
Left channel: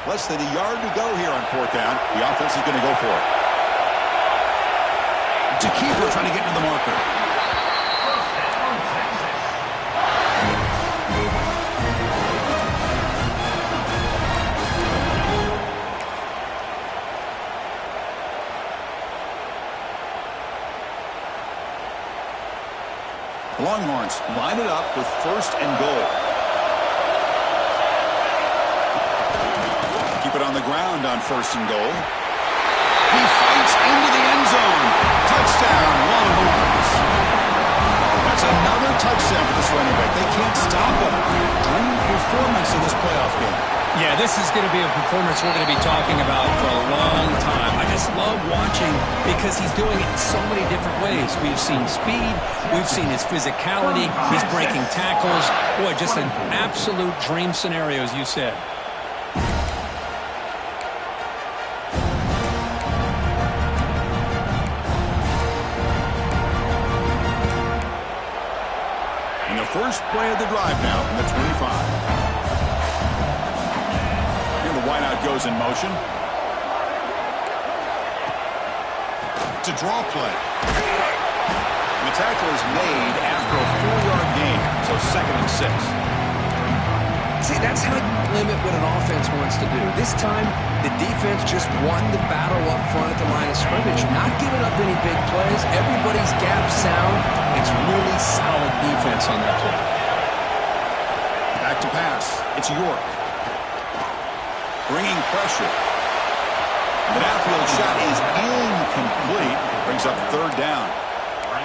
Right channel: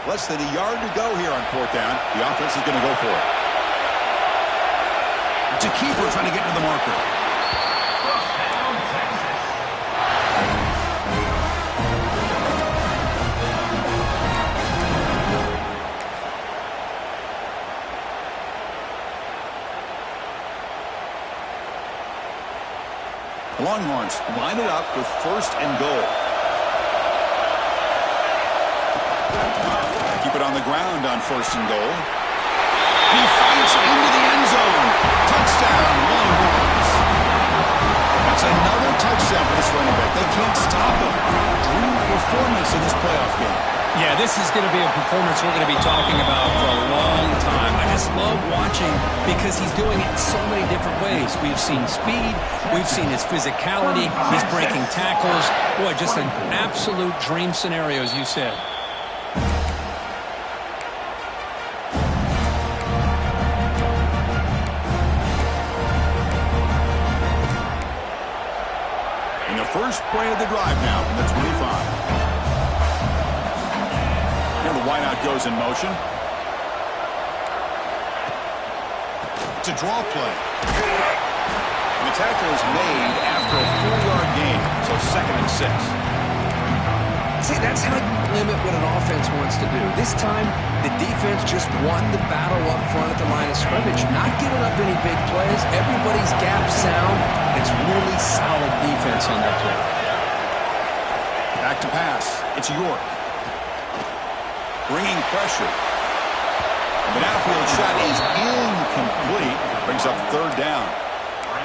Less less than a yard to go here on fourth down. The offense is going to go for it. To keeper trying to get to the marker. The Longhorns line it up with first and goal. Keep it on the ground on first and goal. He fights into the end zone. Touchdown, Longhorns. That's another touchdown for this running back. They can't stop him. Dream performance in this playoff game. Yeah, this is going to be a performance we're going to be talking about for a long time. I just love watching because he's doing it in so many different ways. We've seen speed. We've seen his physicality. He's breaking tackles. Boy, just an absolute dream scenario, as you said. And the first play of the drive now from the 25. And the wideout goes in motion. It's a draw play. And the tackle is made after a 4-yard gain, so 2nd and 6. See, that's how you limit what an offense wants to do. This time, the defense just won the battle up front at the line of scrimmage, not giving up any big plays. Everybody's gap sound. It's really solid defense on that play. Back to pass. It's York. Bringing pressure. The downfield shot is incomplete. Brings up 3rd down.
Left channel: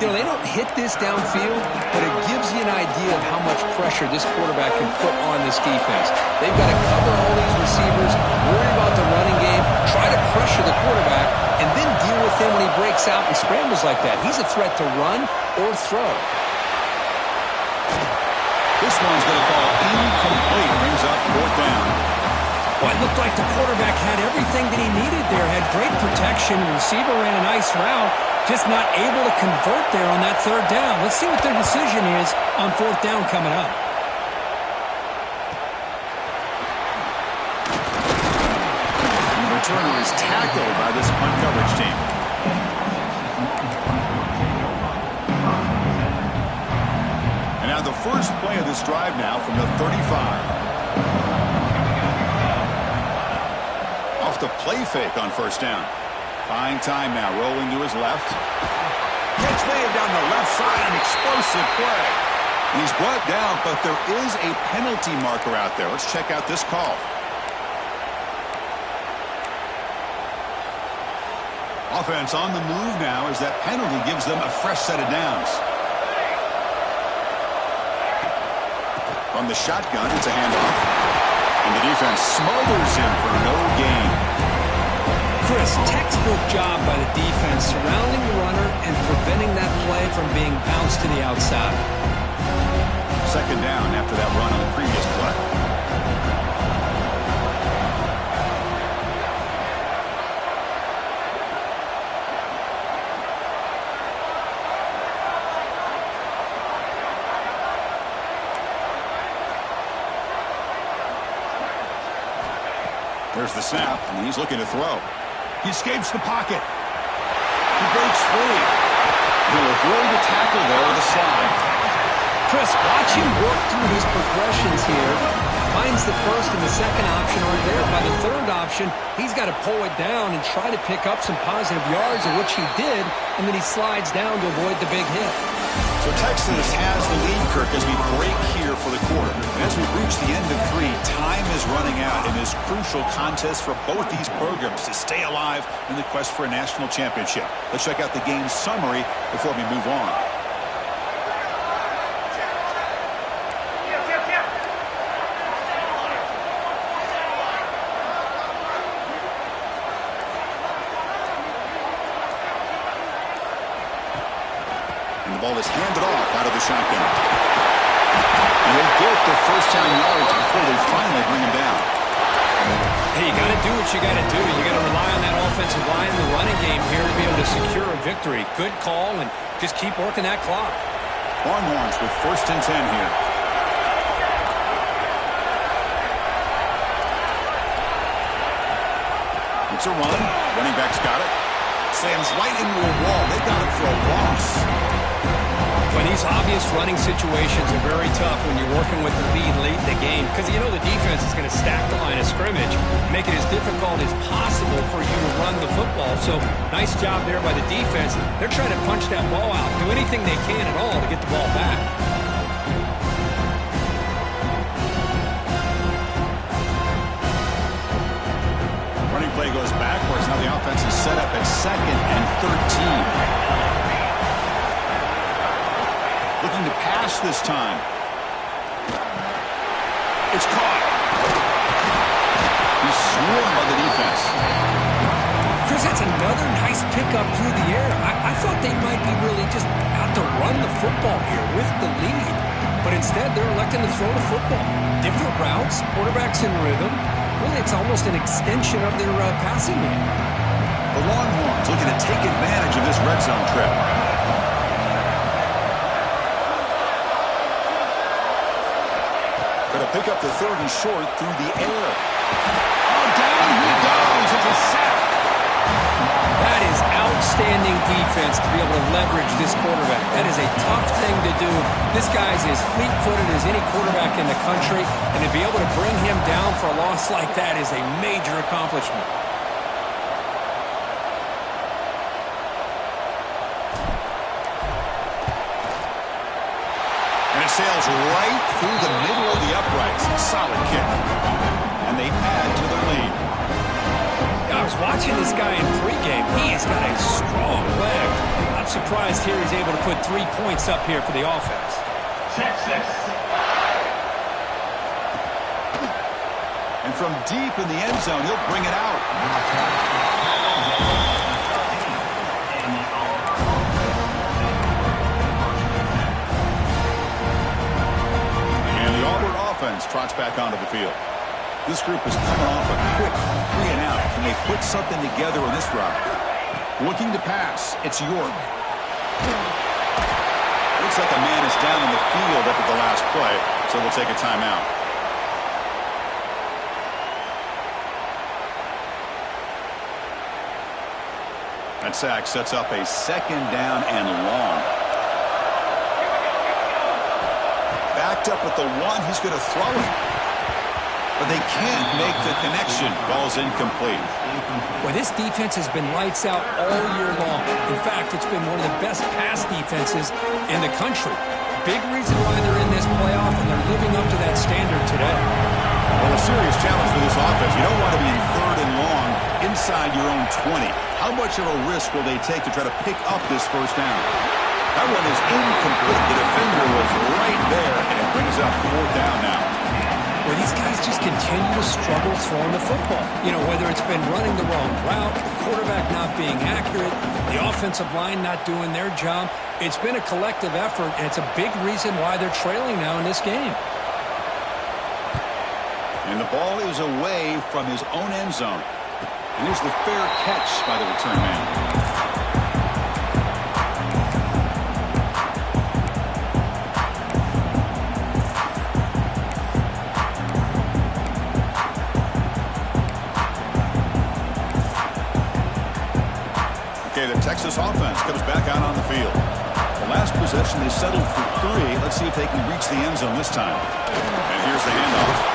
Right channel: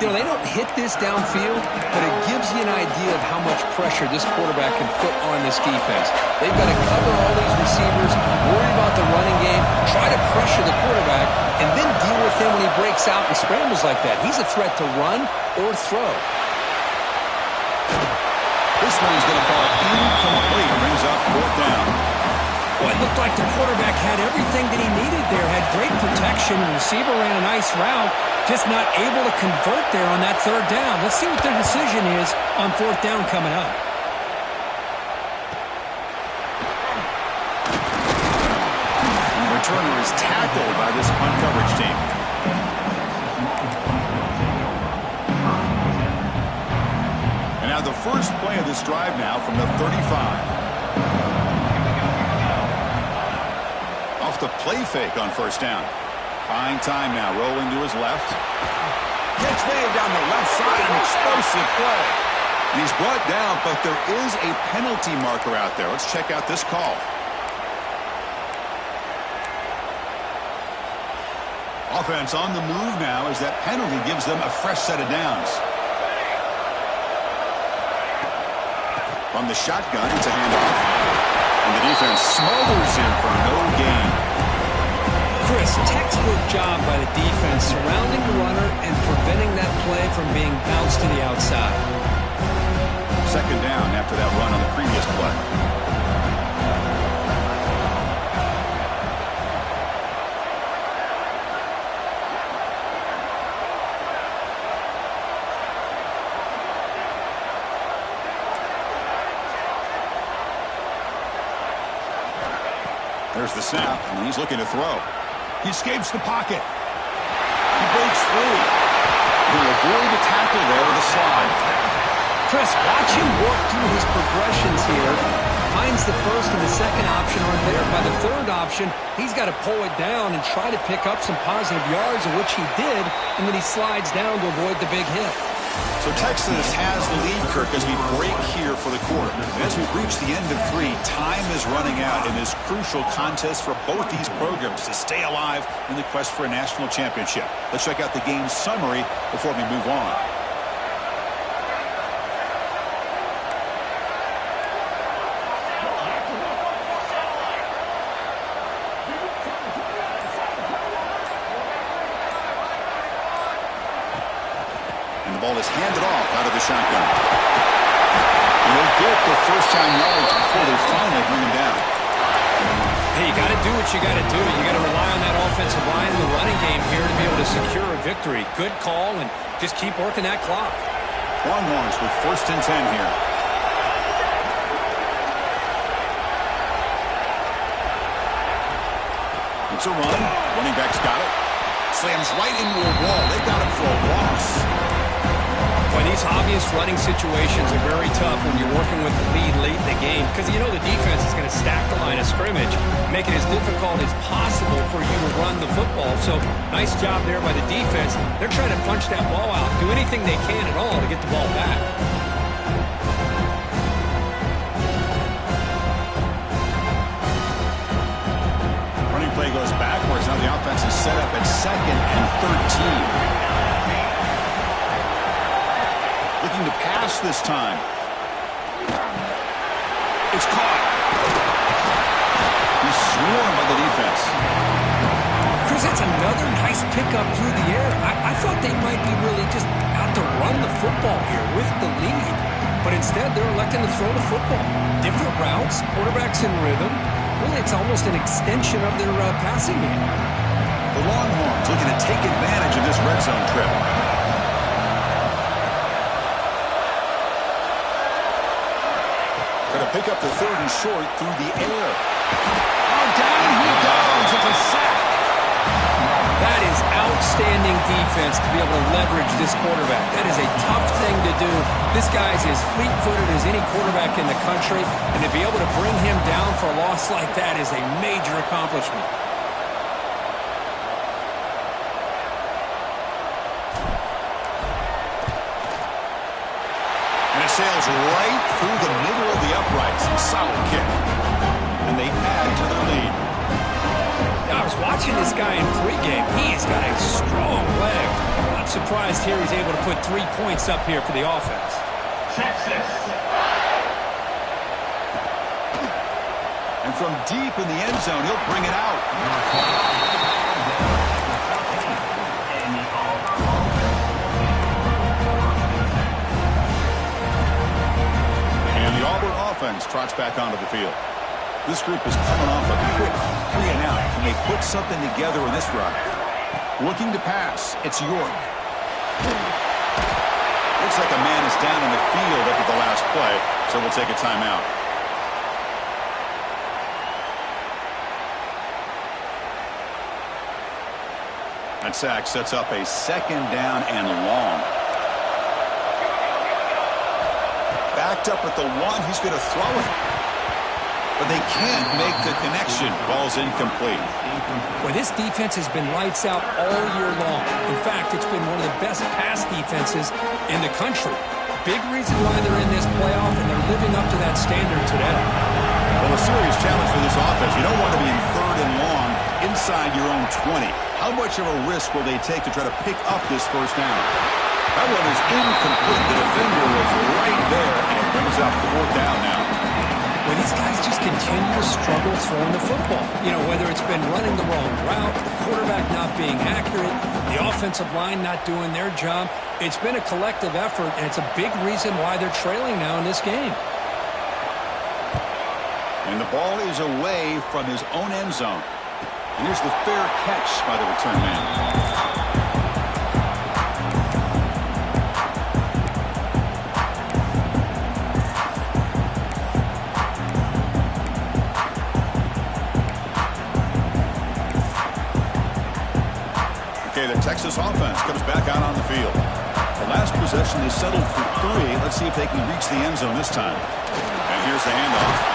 You know, they don't hit this downfield, but it gives you an idea of how much pressure this quarterback can put on this defense. They've got to cover all these receivers, worry about the running game, try to pressure the quarterback, and then deal with him when he breaks out and scrambles like that. He's a threat to run or throw. This one's going to fall incomplete. Brings up 4th down. Well, it looked like the quarterback had everything that he needed there. Had great protection. The receiver ran a nice route. Just not able to convert there on that 3rd down. Let's see what their decision is on 4th down coming up. The returner is tackled by this punt coverage team. And now the first play of this drive now from the 35. Off the play fake on 1st down. Buying time now, rolling to his left. Catch made down the left side, an explosive play. And he's brought down, but there is a penalty marker out there. Let's check out this call. Offense on the move now as that penalty gives them a fresh set of downs. From the shotgun, it's a handoff. And the defense smothers him for no gain. Chris, textbook job by the defense surrounding the runner and preventing that play from being bounced to the outside. 2nd down after that run on the previous play. There's the snap, and he's looking to throw. He escapes the pocket. He breaks free. He'll avoid the tackle there with a slide. Chris, watch him work through his progressions here. Finds the 1st and the 2nd option aren't there. By the 3rd option, he's got to pull it down and try to pick up some positive yards, of which he did, and then he slides down to avoid the big hit. So Texas has the lead, Kirk, as we break here for the quarter. And as we reach the end of 3, time is running out in this crucial contest for both these programs to stay alive in the quest for a national championship. Let's check out the game summary before we move on. And the ball is handed off out of the shotgun. And he'll get the 1st down yards before they finally bring him down. Hey, you got to do what you got to do. You got to rely on that offensive line and the running game here to be able to secure a victory. Good call, and just keep working that clock. Longhorns with 1st and 10 here. Fakes a run. Running back's got it. Slams right into a wall. They got him for a loss. Well, these obvious running situations are very tough when you're working with the lead late in the game because you know the defense is going to stack the line of scrimmage, make it as difficult as possible for you to run the football. So nice job there by the defense. They're trying to punch that ball out, do anything they can at all to get the ball back. Running play goes backwards. Now the offense is set up at 2nd and 13. Looking to pass this time. It's caught. He's swarmed by the defense. Chris, that's another nice pickup through the air. I thought they might be really just out to run the football here with the lead. But instead, they're electing to throw the football. Different routes, quarterbacks in rhythm. Really, it's almost an extension of their passing game. The Longhorns looking to take advantage of this red zone trip. Going to pick up the 3rd and short through the air. Oh, down he goes. It's a sack. That is outstanding defense to be able to leverage this quarterback. That is a tough thing to do. This guy's as fleet-footed as any quarterback in the country, and to be able to bring him down for a loss like that is a major accomplishment. And it sails right through the middle of the uprights. Solid kick. And they add to their lead. I was watching this guy in pregame. He has got a strong leg. Not surprised here he's able to put 3 points up here for the offense. Texas. And from deep in the end zone, he'll bring it out. And the Auburn offense trots back onto the field. This group is coming off a quick 3 and out. Can they put something together in this drive? Looking to pass. It's York. Looks like a man is down in the field after the last play, so we'll take a timeout. That sack sets up a 2nd down and long. Backed up at the 1. He's going to throw it. But they can't make the connection. Ball's incomplete. Well, this defense has been lights out all year long. In fact, it's been one of the best pass defenses in the country. Big reason why they're in this playoff, and they're living up to that standard today. Well, a serious challenge for this offense. You don't want to be in 3rd and long inside your own 20. How much of a risk will they take to try to pick up this 1st down? That one is incomplete. The defender was right there, and it brings up 4th down now. Well, these guys just continue to struggle throwing the football. You know, whether it's been running the wrong route, the quarterback not being accurate, the offensive line not doing their job. It's been a collective effort, and it's a big reason why they're trailing now in this game. And the ball is away from his own end zone. And here's the fair catch by the return man. The Texas offense comes back out on the field. The last possession, they settled for 3. Let's see if they can reach the end zone this time. And here's the handoff.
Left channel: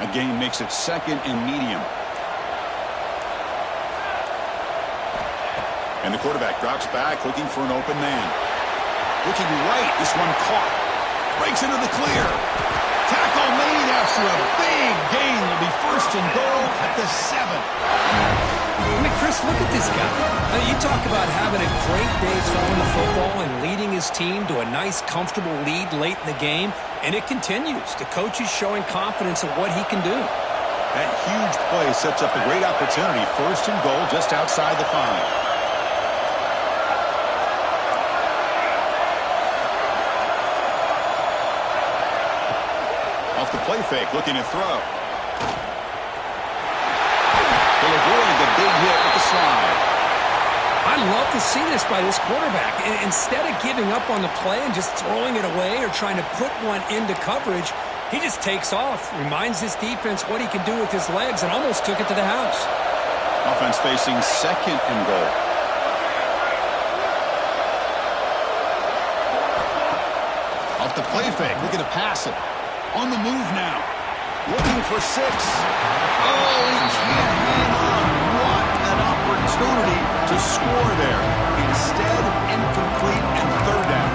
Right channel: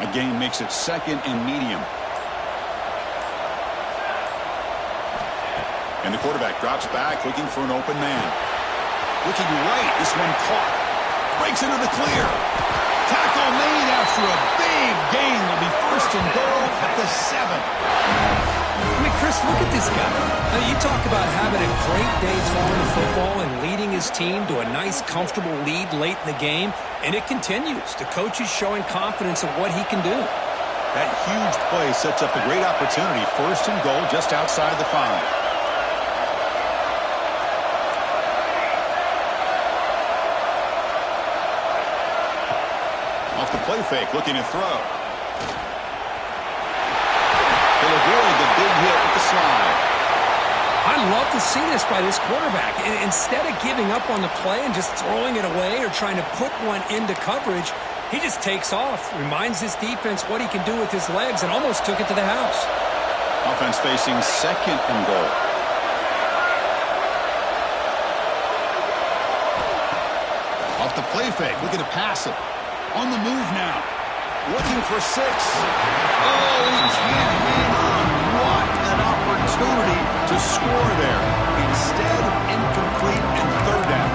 A gain makes it 2nd and medium. And the quarterback drops back, looking for an open man. Looking right, this one caught. Breaks into the clear. Tackle made after a big gain. Will be 1st and goal at the 7. I mean, Chris, look at this guy. I mean, you talk about having a great day throwing the football and leading his team to a nice, comfortable lead late in the game, and it continues. The coach is showing confidence of what he can do. That huge play sets up a great opportunity. 1st and goal just outside the 5. Off the play fake, looking to throw. He'll avoid the big hit with the slide. I love to see this by this quarterback. Instead of giving up on the play and just throwing it away or trying to put one into coverage, he just takes off, reminds his defense what he can do with his legs, and almost took it to the house. Offense facing 2nd and goal. Off the play fake, looking to pass it. On the move now. Looking for 6. Oh, he can't hang on. What an opportunity to score there. Instead, incomplete and 3rd down.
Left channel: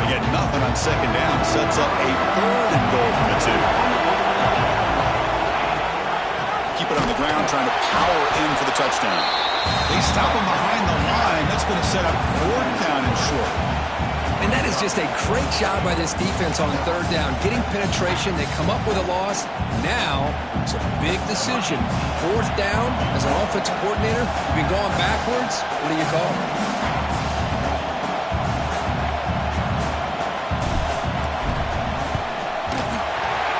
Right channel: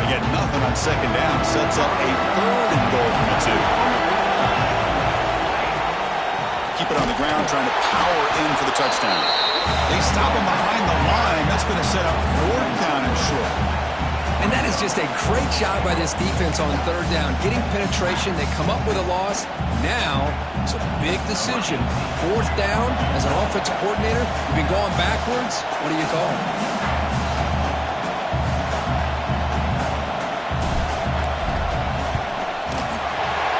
They get nothing on 2nd down. Sets up a 3rd and goal from the 2. Keep it on the ground, trying to power in for the touchdown. They stop him behind the line. That's going to set up 4th down and short. And that is just a great job by this defense on 3rd down. Getting penetration, they come up with a loss. Now, it's a big decision. 4th down, as an offensive coordinator, you've been going backwards. What do you call?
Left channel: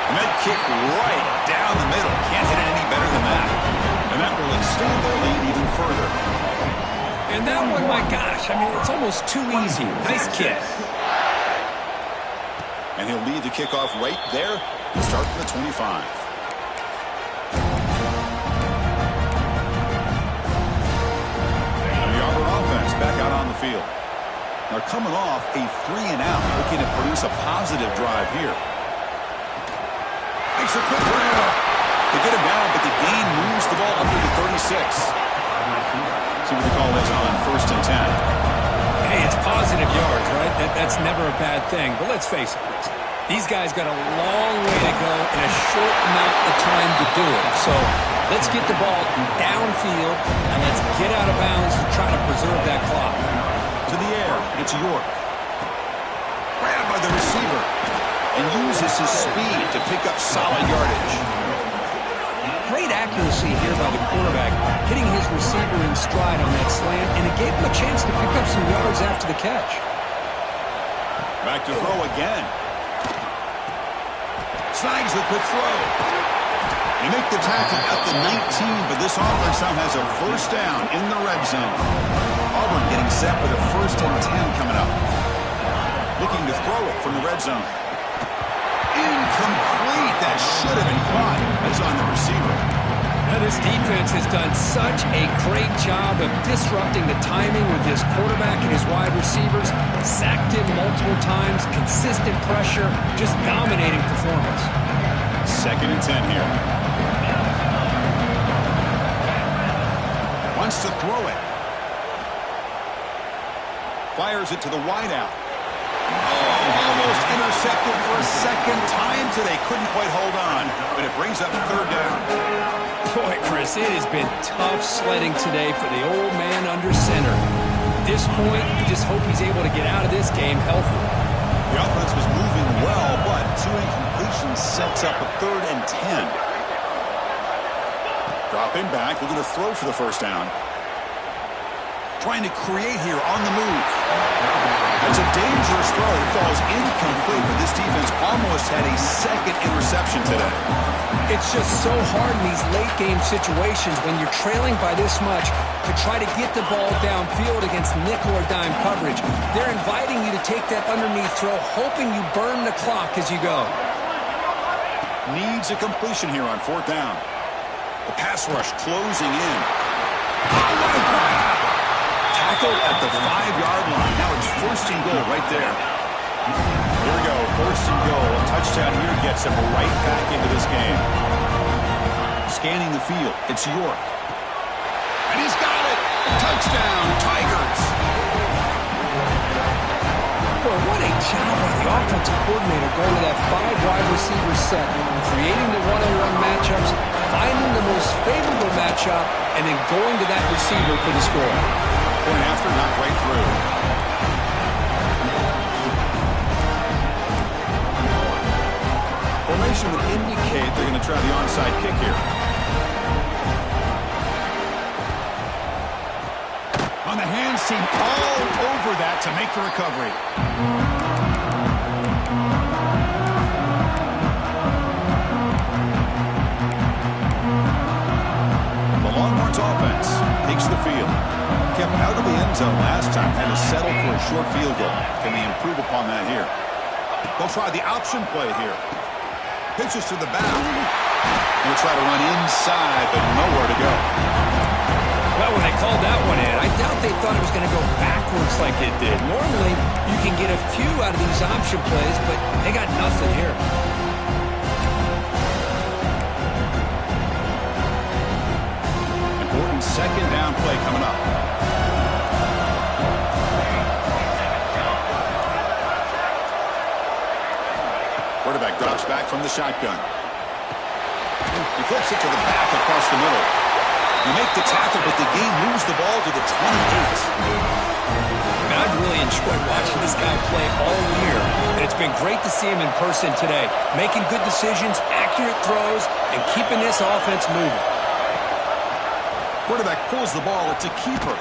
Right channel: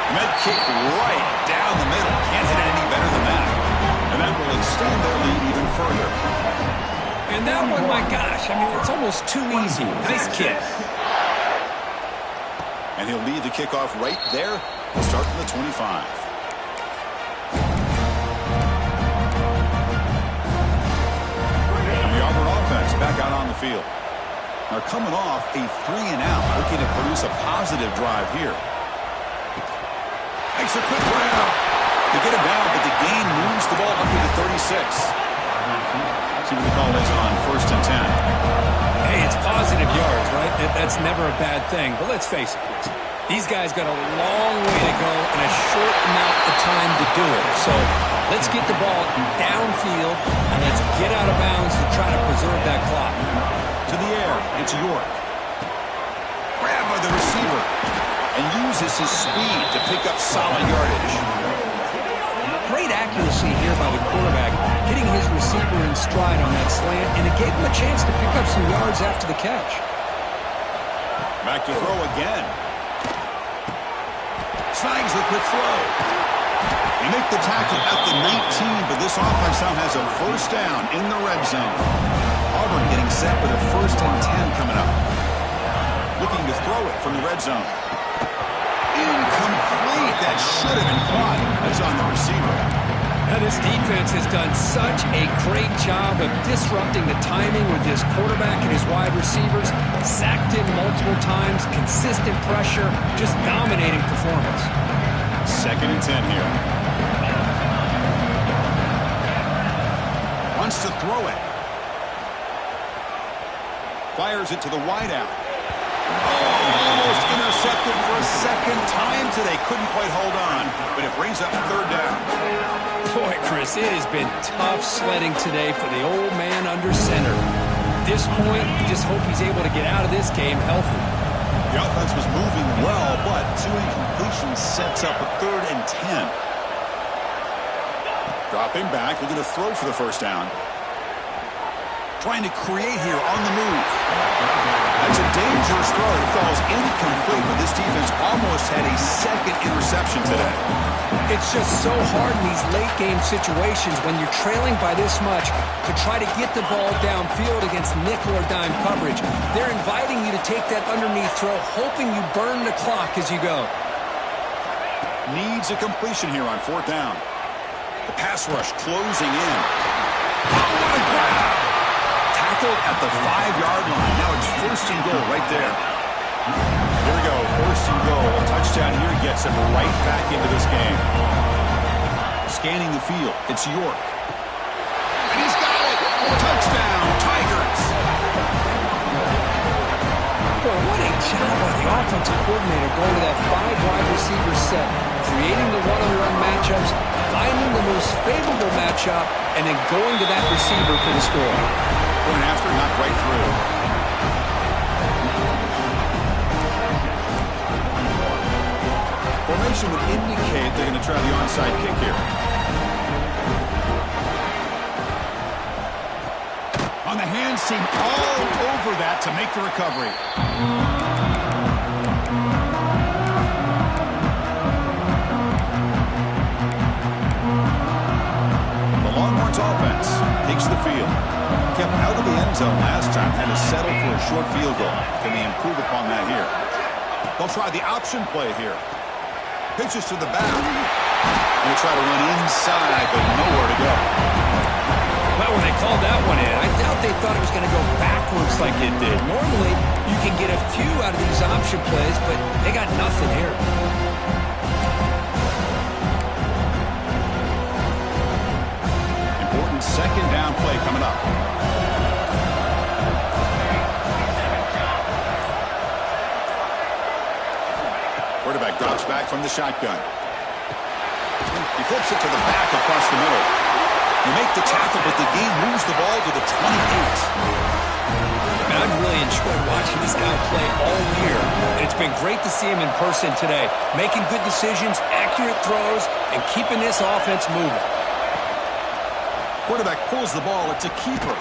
And that kick right down the middle. Can't hit it any better than that. And that will extend their lead even further. And that one, my gosh, I mean, it's almost too easy. Nice kick. And he'll lead the kickoff right there. We'll start from the 25. And the Auburn offense back out on the field. Now coming off a 3-and-out, looking to produce a positive drive here. Makes a quick grab. They get him down, but the gain moves the ball up to the 36. See what the call is on 1st and 10. Hey, it's positive yards, right? That's never a bad thing. But let's face it, Chris. These guys got a long way to go in a short amount of time to do it. So let's get the ball downfield, and let's get out of bounds to try to preserve that clock. To the air, it's York. Grabbed by the receiver, and uses his speed to pick up solid yardage. Great accuracy here by the quarterback, hitting his receiver in stride on that slant, and it gave him a chance to pick up some yards after the catch. Back to throw again. Snags the quick throw. They make the tackle at the 19, but this offense now has a 1st down in the red zone. Auburn getting set with a 1st and 10 coming up. Looking to throw it from the red zone. Incomplete. That should have been caught. That's on the receiver. Now, this defense has done such a great job of disrupting the timing with his quarterback and his wide receivers. Sacked him multiple times, consistent pressure, just dominating performance. 2nd and 10 here. Wants to throw it. Fires it to the wideout. Oh, almost intercepted for a 2nd time today. Couldn't quite hold on, but it brings up 3rd down. Boy, Chris, it has been tough sledding today for the old man under center. At this point, you just hope he's able to get out of this game healthy. The offense was moving well, but 2 incompletions sets up a 3rd and 10. Dropping back, looking to throw for the 1st down. Trying to create here on the move. That's a dangerous throw. It falls incomplete, but this defense almost had a 2nd interception today. It's just so hard in these late-game situations when you're trailing by this much to try to get the ball downfield against nickel or dime coverage. They're inviting you to take that underneath throw, hoping you burn the clock as you go. Needs a completion here on 4th down. The pass rush closing in. Oh, what a grab! Tackled at the 5-yard line. Now it's 1st and goal right there. Here we go, 1st and goal. A touchdown here gets him right back into this game. Scanning the field, it's York. And he's got it! Touchdown, Tigers! Boy, what a job by the offensive coordinator going to that 5-wide receiver set, creating the one-on-one matchups, finding the most favorable matchup, and then going to that receiver for the score. Point after, knocked right through. Formation would indicate they're going to try the onside kick here. On the hands team, all over that to make the recovery. takes the field. Kept out of the end zone last time. Had to settle for a short field goal. Can they improve upon that here? They'll try the option play here. Pitches to the back. Going to try to run inside, but nowhere to go. Well, when they called that one in, I doubt they thought it was going to go backwards like it did. Normally, you can get a few out of these option plays, but they got nothing here. Important second down play coming up. Quarterback drops back from the shotgun. He flips it to the back across the middle. You make the tackle, but the game moves the ball to the 28. Man, I've really enjoyed watching this guy play all year, and it's been great to see him in person today, making good decisions, accurate throws, and keeping this offense moving. Quarterback pulls the ball. It's a keeper.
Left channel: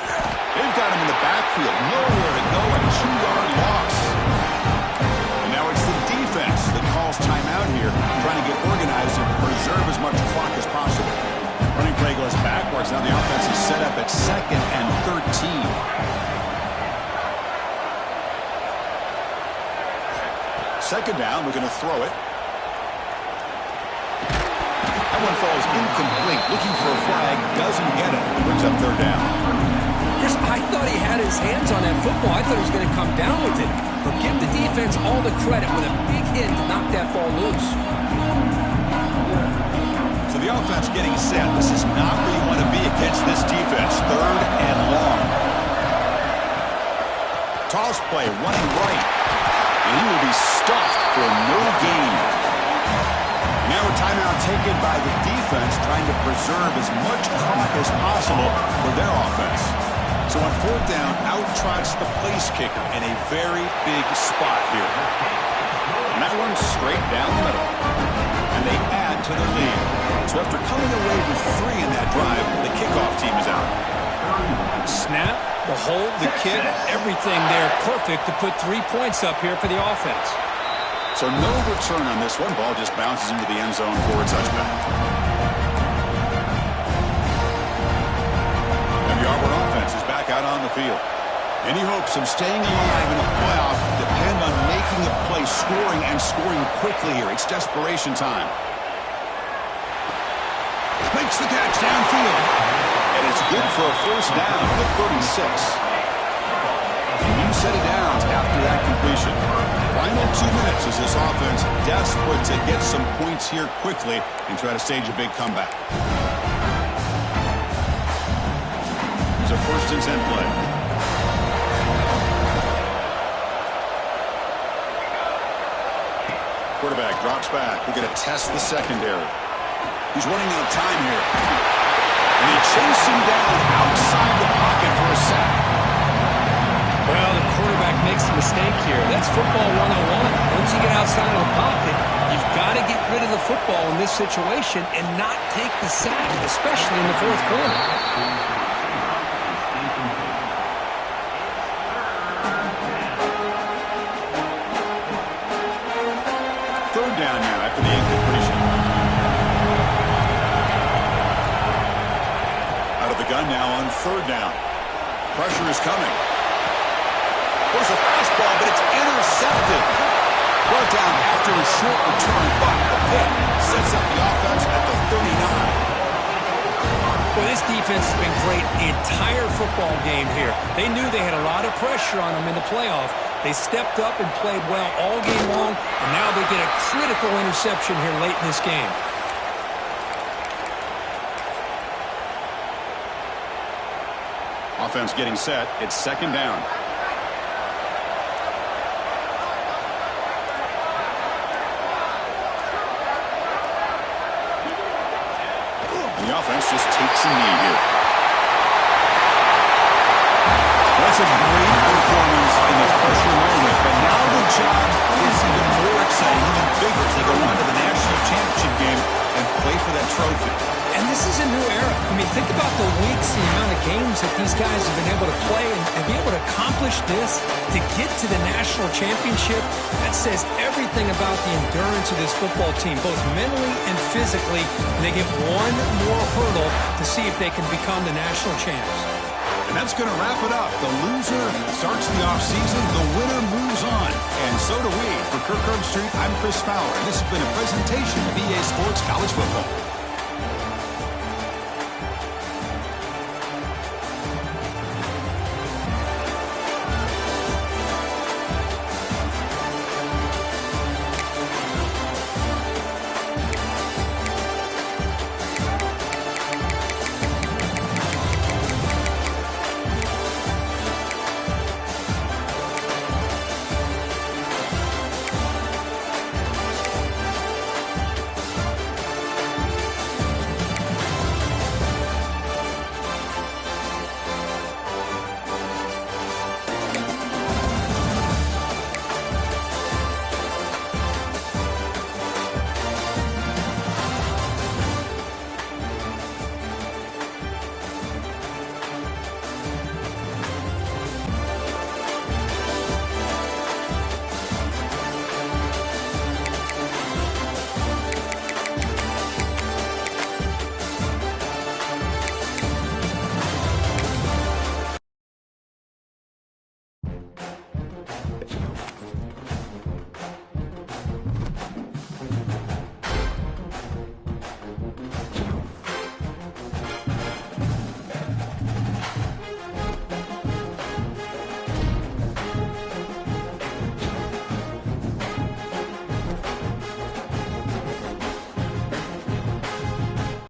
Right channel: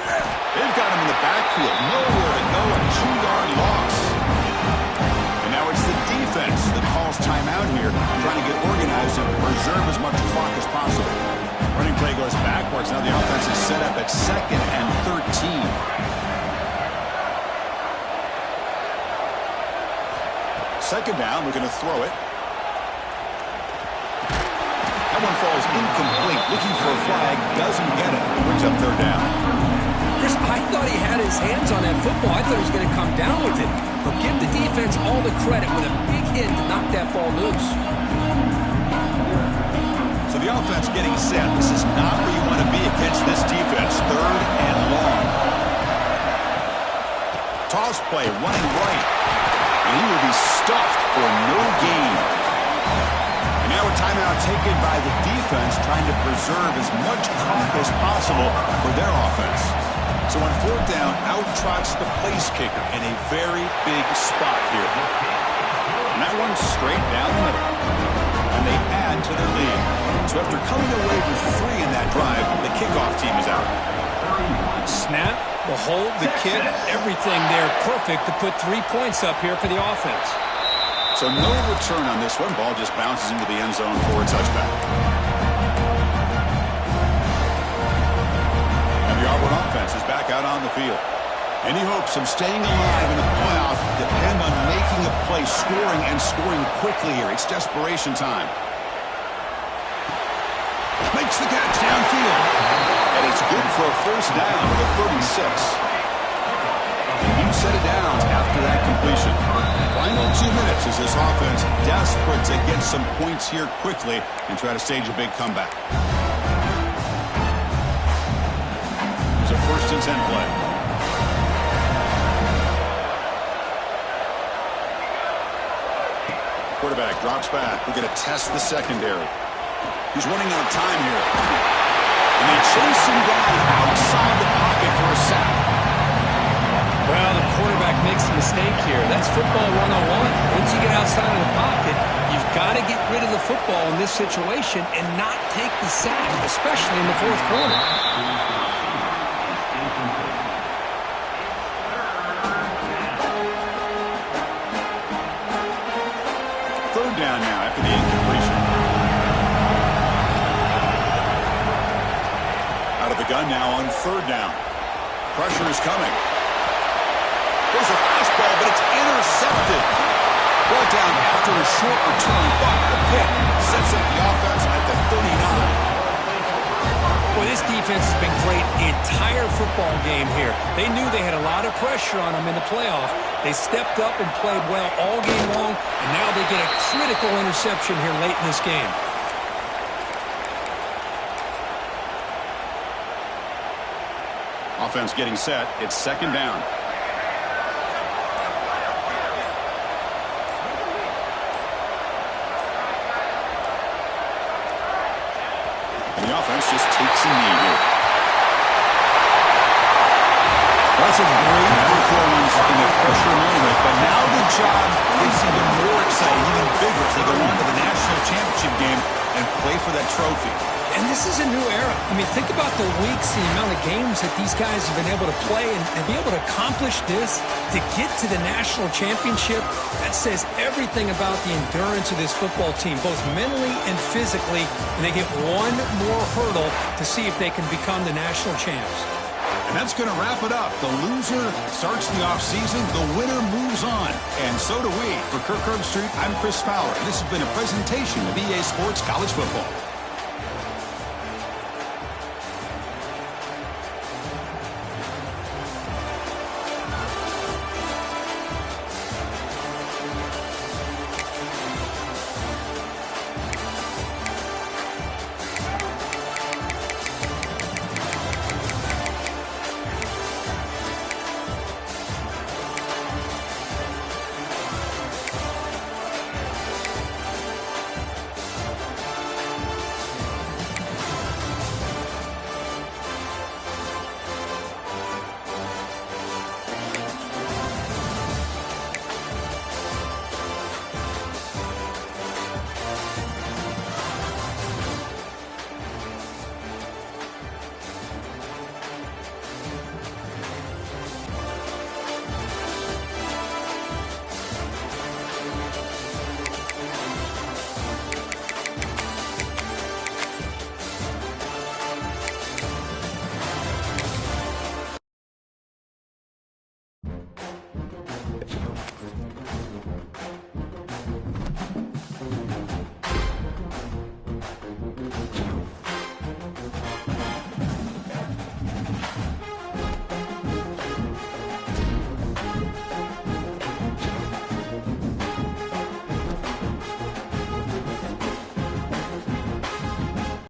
They've got him in the backfield. Nowhere to go. A 2-yard loss. And now it's the defense that calls timeout here, trying to get organized and preserve as much clock as possible. Running play goes backwards. Now the offense is set up at 2nd and 13. Second down. We're going to throw it. That one falls incomplete. Looking for a flag. Doesn't get it. Brings up third down. Chris, I thought he had his hands on that football. I thought he was going to come down with it. But give the defense all the credit with a big hit to knock that ball loose. So the offense getting set. This is not where you want to be against this defense. 3rd and long. Toss play running right. And he will be stuffed for no gain. And now a timeout taken by the defense, trying to preserve as much clock as possible for their offense. So on 4th down, out trots the place kicker in a very big spot here. And that one's straight down the middle. And they add to their lead. So after coming away with 3 in that drive, the kickoff team is out. Snap, the hold, the kick, everything there perfect to put 3 points up here for the offense. So no return on this one. Ball just bounces into the end zone for a touchback. And the Auburn offense is back out on the field. Any hopes of staying alive in a playoff depend on making a play, scoring, and scoring quickly here. It's desperation time. Makes the catch downfield. And it's good for a first down to the 36. New set of downs after that completion. Final 2 minutes as this offense desperate to get some points here quickly and try to stage a big comeback. Here's a 1st and 10 play. Quarterback drops back. We're going to test the secondary. He's running out of time here. And they chase him down outside the pocket for a sack. Well, the quarterback makes a mistake here. That's football 101. Once you get outside of the pocket, you've got to get rid of the football in this situation and not take the sack, especially in the 4th quarter. Third down now after the incompletion. Out of the gun now on 3rd down. Pressure is coming. There's a fastball, but it's intercepted. Brought down after a short return, but the pick sets up the offense at the 39. Well, this defense has been great the entire football game here. They knew they had a lot of pressure on them in the playoff. They stepped up and played well all game long, and now they get a critical interception here late in this game. Offense getting set. It's 2nd down. The offense just takes a knee here. That's a great performance in the pressure moment, but now the job is even more exciting, even bigger as they go on to the national championship game and play for that trophy. And this is a new era. I mean, think about the weeks, the amount of games that these guys have been able to play and be able to accomplish this, to get to the national championship. That says everything about the endurance of this football team, both mentally and physically. And they get one more hurdle to see if they can become the national champs. And that's going to wrap it up. The loser starts the offseason. The winner moves on. And so do we. For Kirk Herbstreit, I'm Chris Fowler. And this has been a presentation of EA Sports College Football.